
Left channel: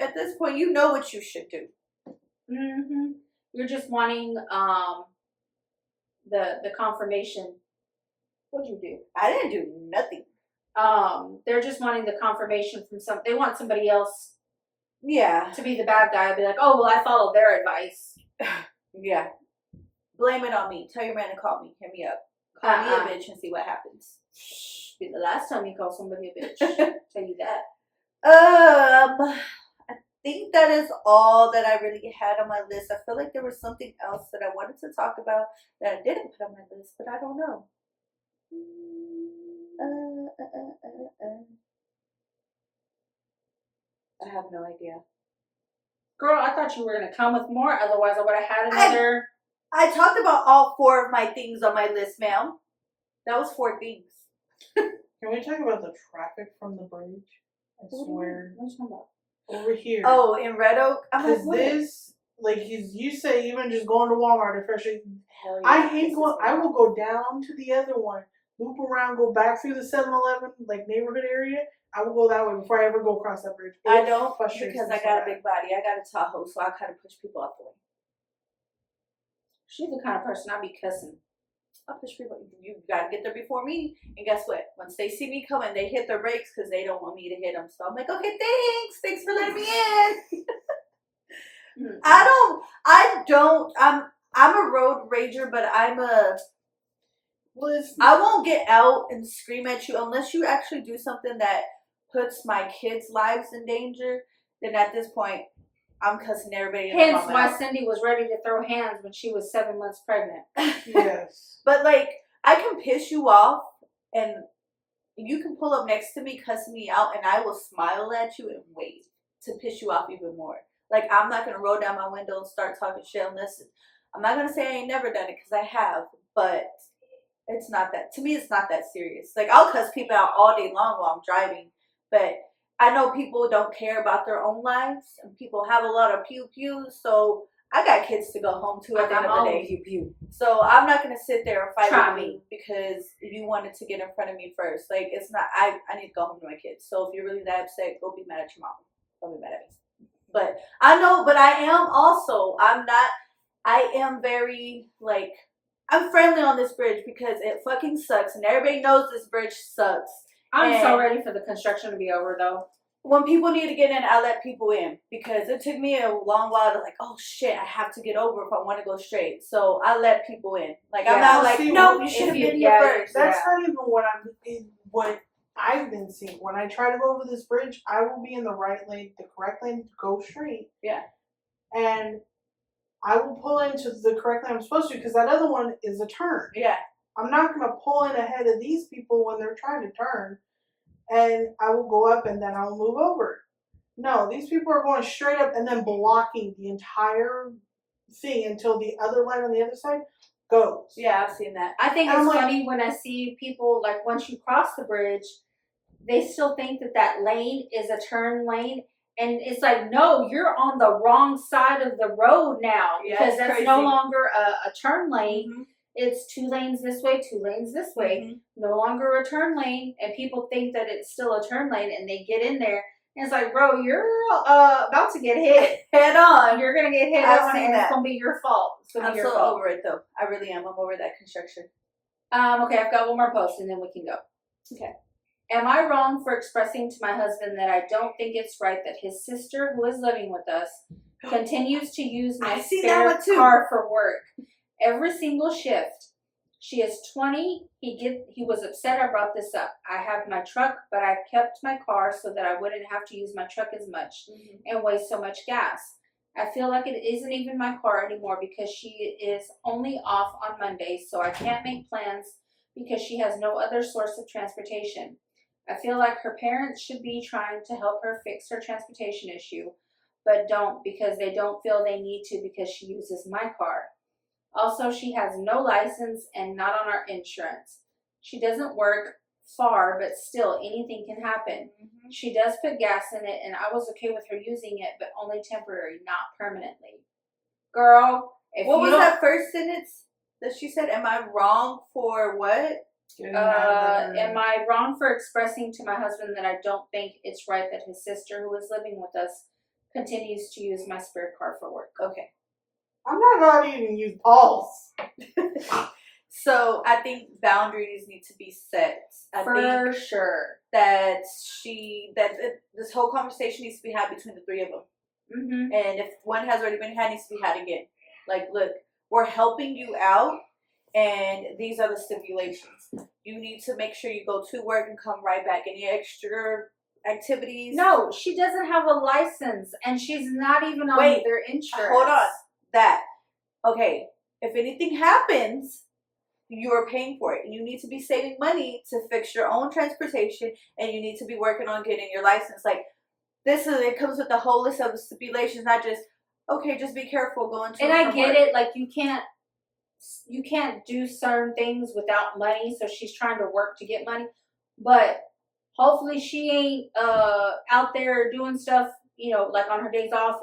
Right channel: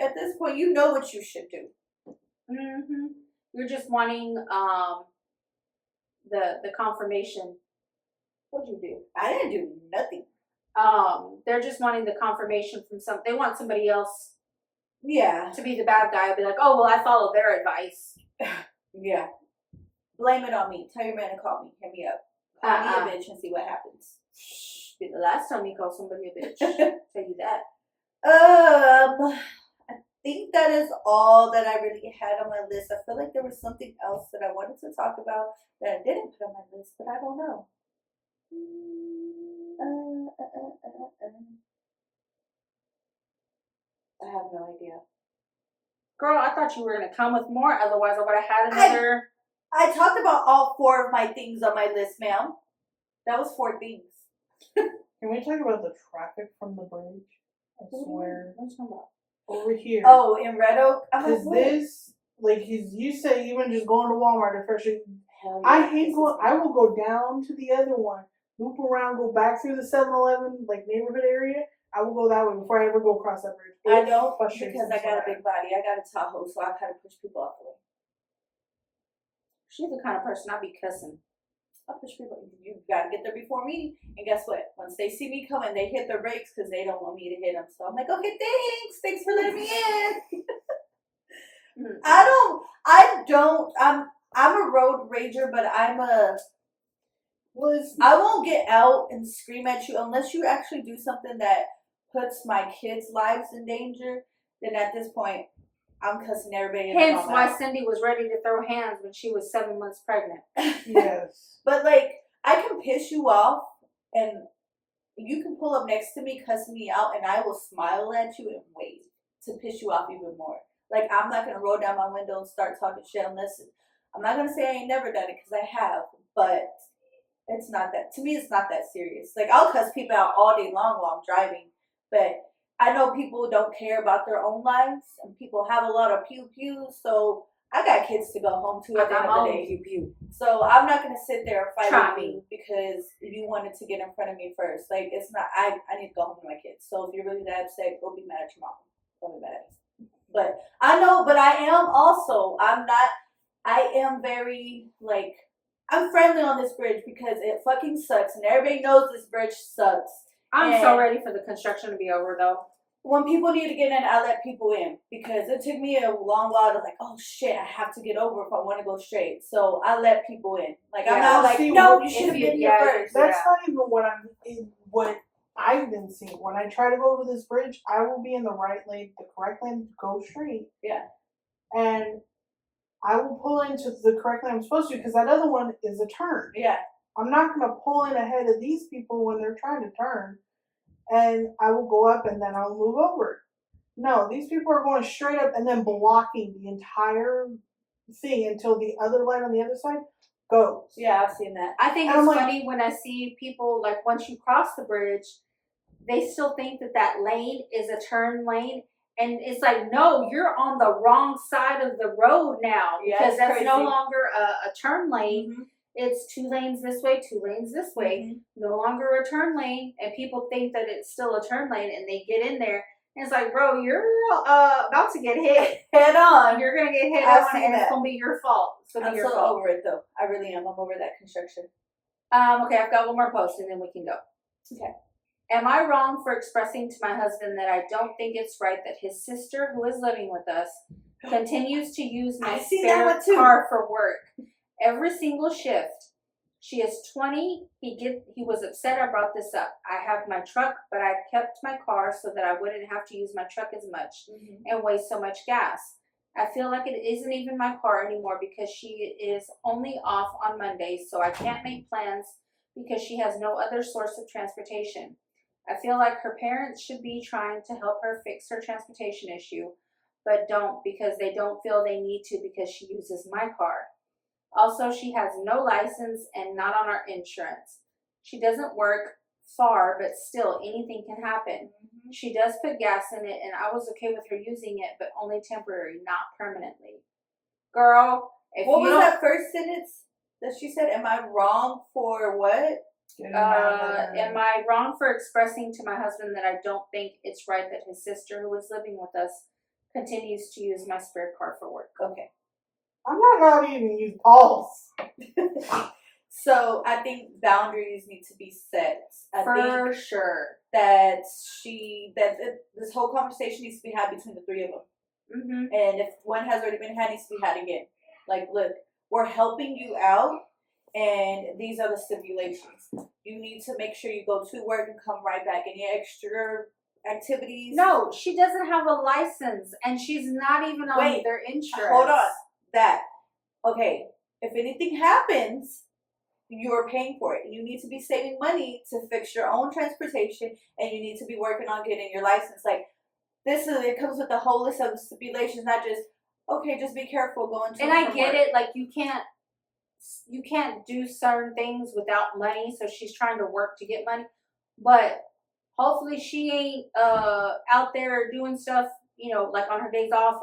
at this point, you know what you should do. Mm-hmm. You're just wanting the confirmation. What'd you do? I didn't do nothing. They're just wanting the confirmation from they want somebody else. Yeah. To be the bad guy. I'll be like, oh well, I followed their advice. Yeah. Blame it on me. Tell your man to call me. Hit me up. Call me a bitch and see what happens. Be the last time you call somebody a bitch. Tell you that. I think that is all that I really had on my list. I feel like there was something else that I wanted to talk about that I didn't put on my list, but I don't know. I have no idea. Girl, I thought you were going to come with more. Otherwise, I would have had another. I talked about all 4 of my things on my list, ma'am. That was 4 things. Can we talk about the traffic from the bridge? I swear. What are you talking about? Over here. Oh, in Red Oak? Because you say even just going to Walmart at Fresh. Hell yeah. I will go down to the other one, loop around, go back through the 7-Eleven, neighborhood area. I will go that way before I ever go across that bridge. I don't because I got a big body. I got a Tahoe, so I kind of push people out the way. She's the kind of person I'll be cussing. I'll push people. You gotta get there before me. And guess what? Once they see me coming, they hit their brakes because they don't want me to hit them. So I'm like, okay, thanks for letting me in. I'm a road rager, but I won't get out and scream at you unless you actually do something that puts my kids' lives in danger. Then at this point, I'm cussing everybody in the Hence why Cindy was ready to throw hands when she was 7 months pregnant. Yes. But I can piss you off and you can pull up next to me, cuss me out, and I will smile at you and wave to piss you off even more. I'm not going to roll down my window and start talking shit unless, I'm not going to say I ain't never done it because I have, but it's not that, to me it's not that serious. I'll cuss people out all day long while I'm driving, but I know people don't care about their own lives, and people have a lot of pew-pews, so I got kids to go home to at the end of the day. Pew-pew. So I'm not going to sit there and fight with you because you wanted to get in front of me first. It's not, I need to go home to my kids. So if you're really that upset, go be mad at your mom. Don't be mad at me. But I know, but I am also, I am very, I'm friendly on this bridge because it fucking sucks, and everybody knows this bridge sucks. I'm so ready for the construction to be over, though. when people need to get in, I let people in because it took me a long while to like, oh shit, I have to get over if I want to go straight. So I let people in. Like I'm not like, no, you should have been here first. That's not even what what I've been seeing. When I try to go over this bridge, I will be in the right lane, the correct lane to go straight. Yeah. And I will pull into the correct lane I'm supposed to because that other one is a turn. Yeah. I'm not going to pull in ahead of these people when they're trying to turn. And I will go up and then I'll move over. No, these people are going straight up and then blocking the entire thing until the other lane on the other side goes. Yeah, I've seen that. I think it's funny when I see people, like, once you cross the bridge, they still think that that lane is a turn lane. And it's like, no, you're on the wrong side of the road now. Because that's crazy. No longer a turn lane. Mm-hmm. It's 2 lanes this way, 2 lanes this way. Mm-hmm. No longer a turn lane. And people think that it's still a turn lane. And they get in there. And it's like, bro, you're about to get hit head on. You're going to get hit on and it's going to be your fault. I'm so over it, though. I really am. I'm over that construction. Okay, I've got one more post and then we can go. Okay. Am I wrong for expressing to my husband that I don't think it's right that his sister, who is living with us, continues to use my spare car for work every single shift? She is 20. He was upset I brought this up. I have my truck, but I kept my car so that I wouldn't have to use my truck as much and waste so much gas. I feel like it isn't even my car anymore because she is only off on Mondays, so I can't make plans because she has no other source of transportation. I feel like her parents should be trying to help her fix her transportation issue, but don't because they don't feel they need to because she uses my car. Also, she has no license and not on our insurance. She doesn't work far, but still anything can happen. Mm-hmm. She does put gas in it, and I was okay with her using it, but only temporary, not permanently. Girl, what was that first sentence that she said? Am I wrong for what? Am I wrong for expressing to my husband that I don't think it's right that his sister, who is living with us, continues to use my spare car for work? Okay. I'm not allowed to even use Paul's. So I think boundaries need to be set. For sure. That this whole conversation needs to be had between the 3 of them. Mm-hmm. And if one has already been had, it needs to be had again. Like, look, we're helping you out, and these are the stipulations. You need to make sure you go to work and come right back. Any extra activities? No, she doesn't have a license, and she's not even on their insurance. Hold on. Okay, if anything happens, you are paying for it. You need to be saving money to fix your own transportation, and you need to be working on getting your license. Like, it comes with a whole list of stipulations, not just, okay, just be careful going to and I get it, like, you can't do certain things without money, so she's trying to work to get money, but hopefully she ain't out there doing stuff, like on her days off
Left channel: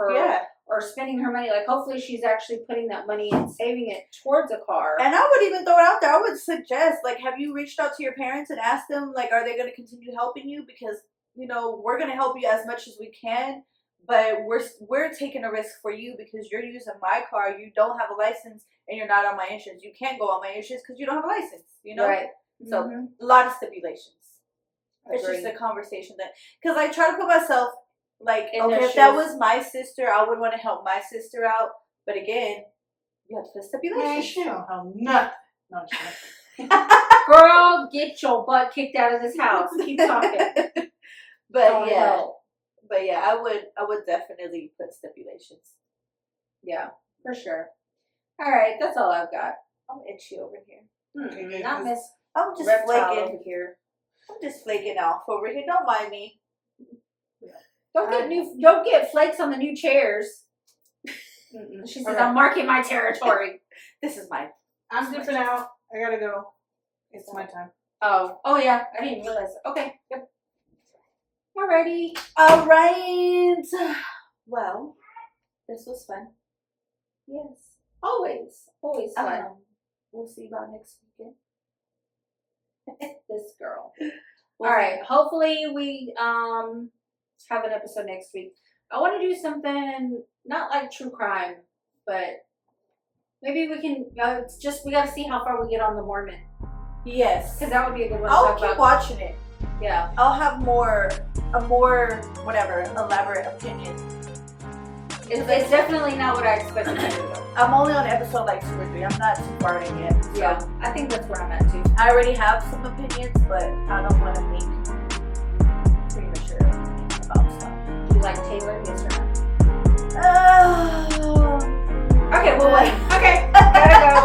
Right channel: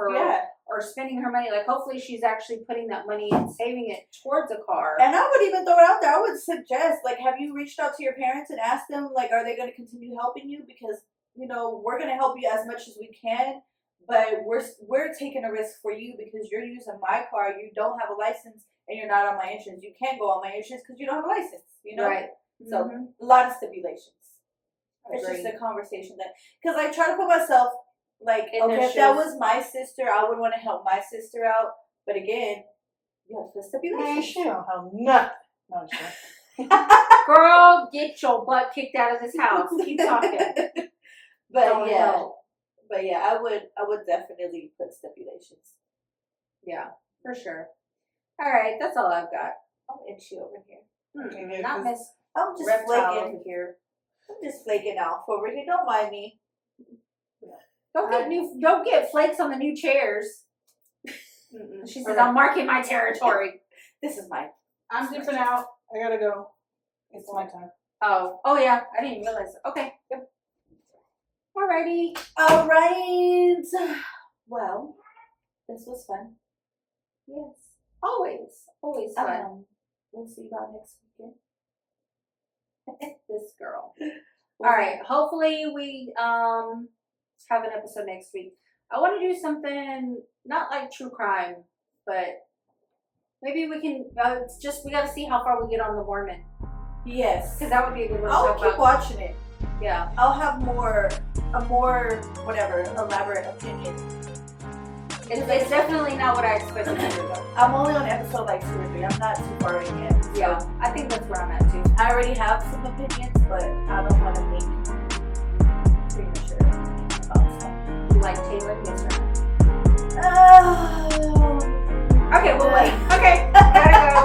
or spending her money. Like, hopefully she's actually putting that money and saving it towards a car. And I would even throw it out there. I would suggest, like, have you reached out to your parents and asked them, like, are they going to continue helping you? Because, we're going to help you as much as we can, but we're taking a risk for you because you're using my car. You don't have a license and you're not on my insurance. You can't go on my insurance because you don't have a license, Right. So, a lot of stipulations. It's just a conversation because I try to put myself, like, okay, if that was my sister, I would want to help my sister out. But again, you have to put stipulations. Man, she don't help nothing. No, girl, get your butt kicked out of this house. Keep talking. But I would definitely put stipulations. Yeah, for sure. All right, that's all I've got. I'm itchy over here. Not Miss. I'm just flaking over here. I'm just flaking off over here. Don't mind me. Don't get flakes on the new chairs. She says, I'm marking my territory. This is mine. I'm dipping out. I gotta go. It's my time. Oh yeah. I didn't realize. Okay. Yep. Alrighty. All right. Well, this was fun. Yes. Always fun. We'll see you about next weekend. This girl. All right. Hopefully we have an episode next week. I want to do something not like true crime, but maybe we can we got to see how far we get on the Mormon. Yes, because that would be a good one. I'll keep watching it. Yeah. I'll have a more whatever elaborate opinion. It's definitely not what I expected to do. I'm only on episode like 2 or 3. I'm not too far in yet. So Yeah, I think that's where I'm at too. I already have some opinions, but I don't want to make premature about stuff. You like Taylor? Yes or no? Oh. Okay, well wait. Okay, gotta go.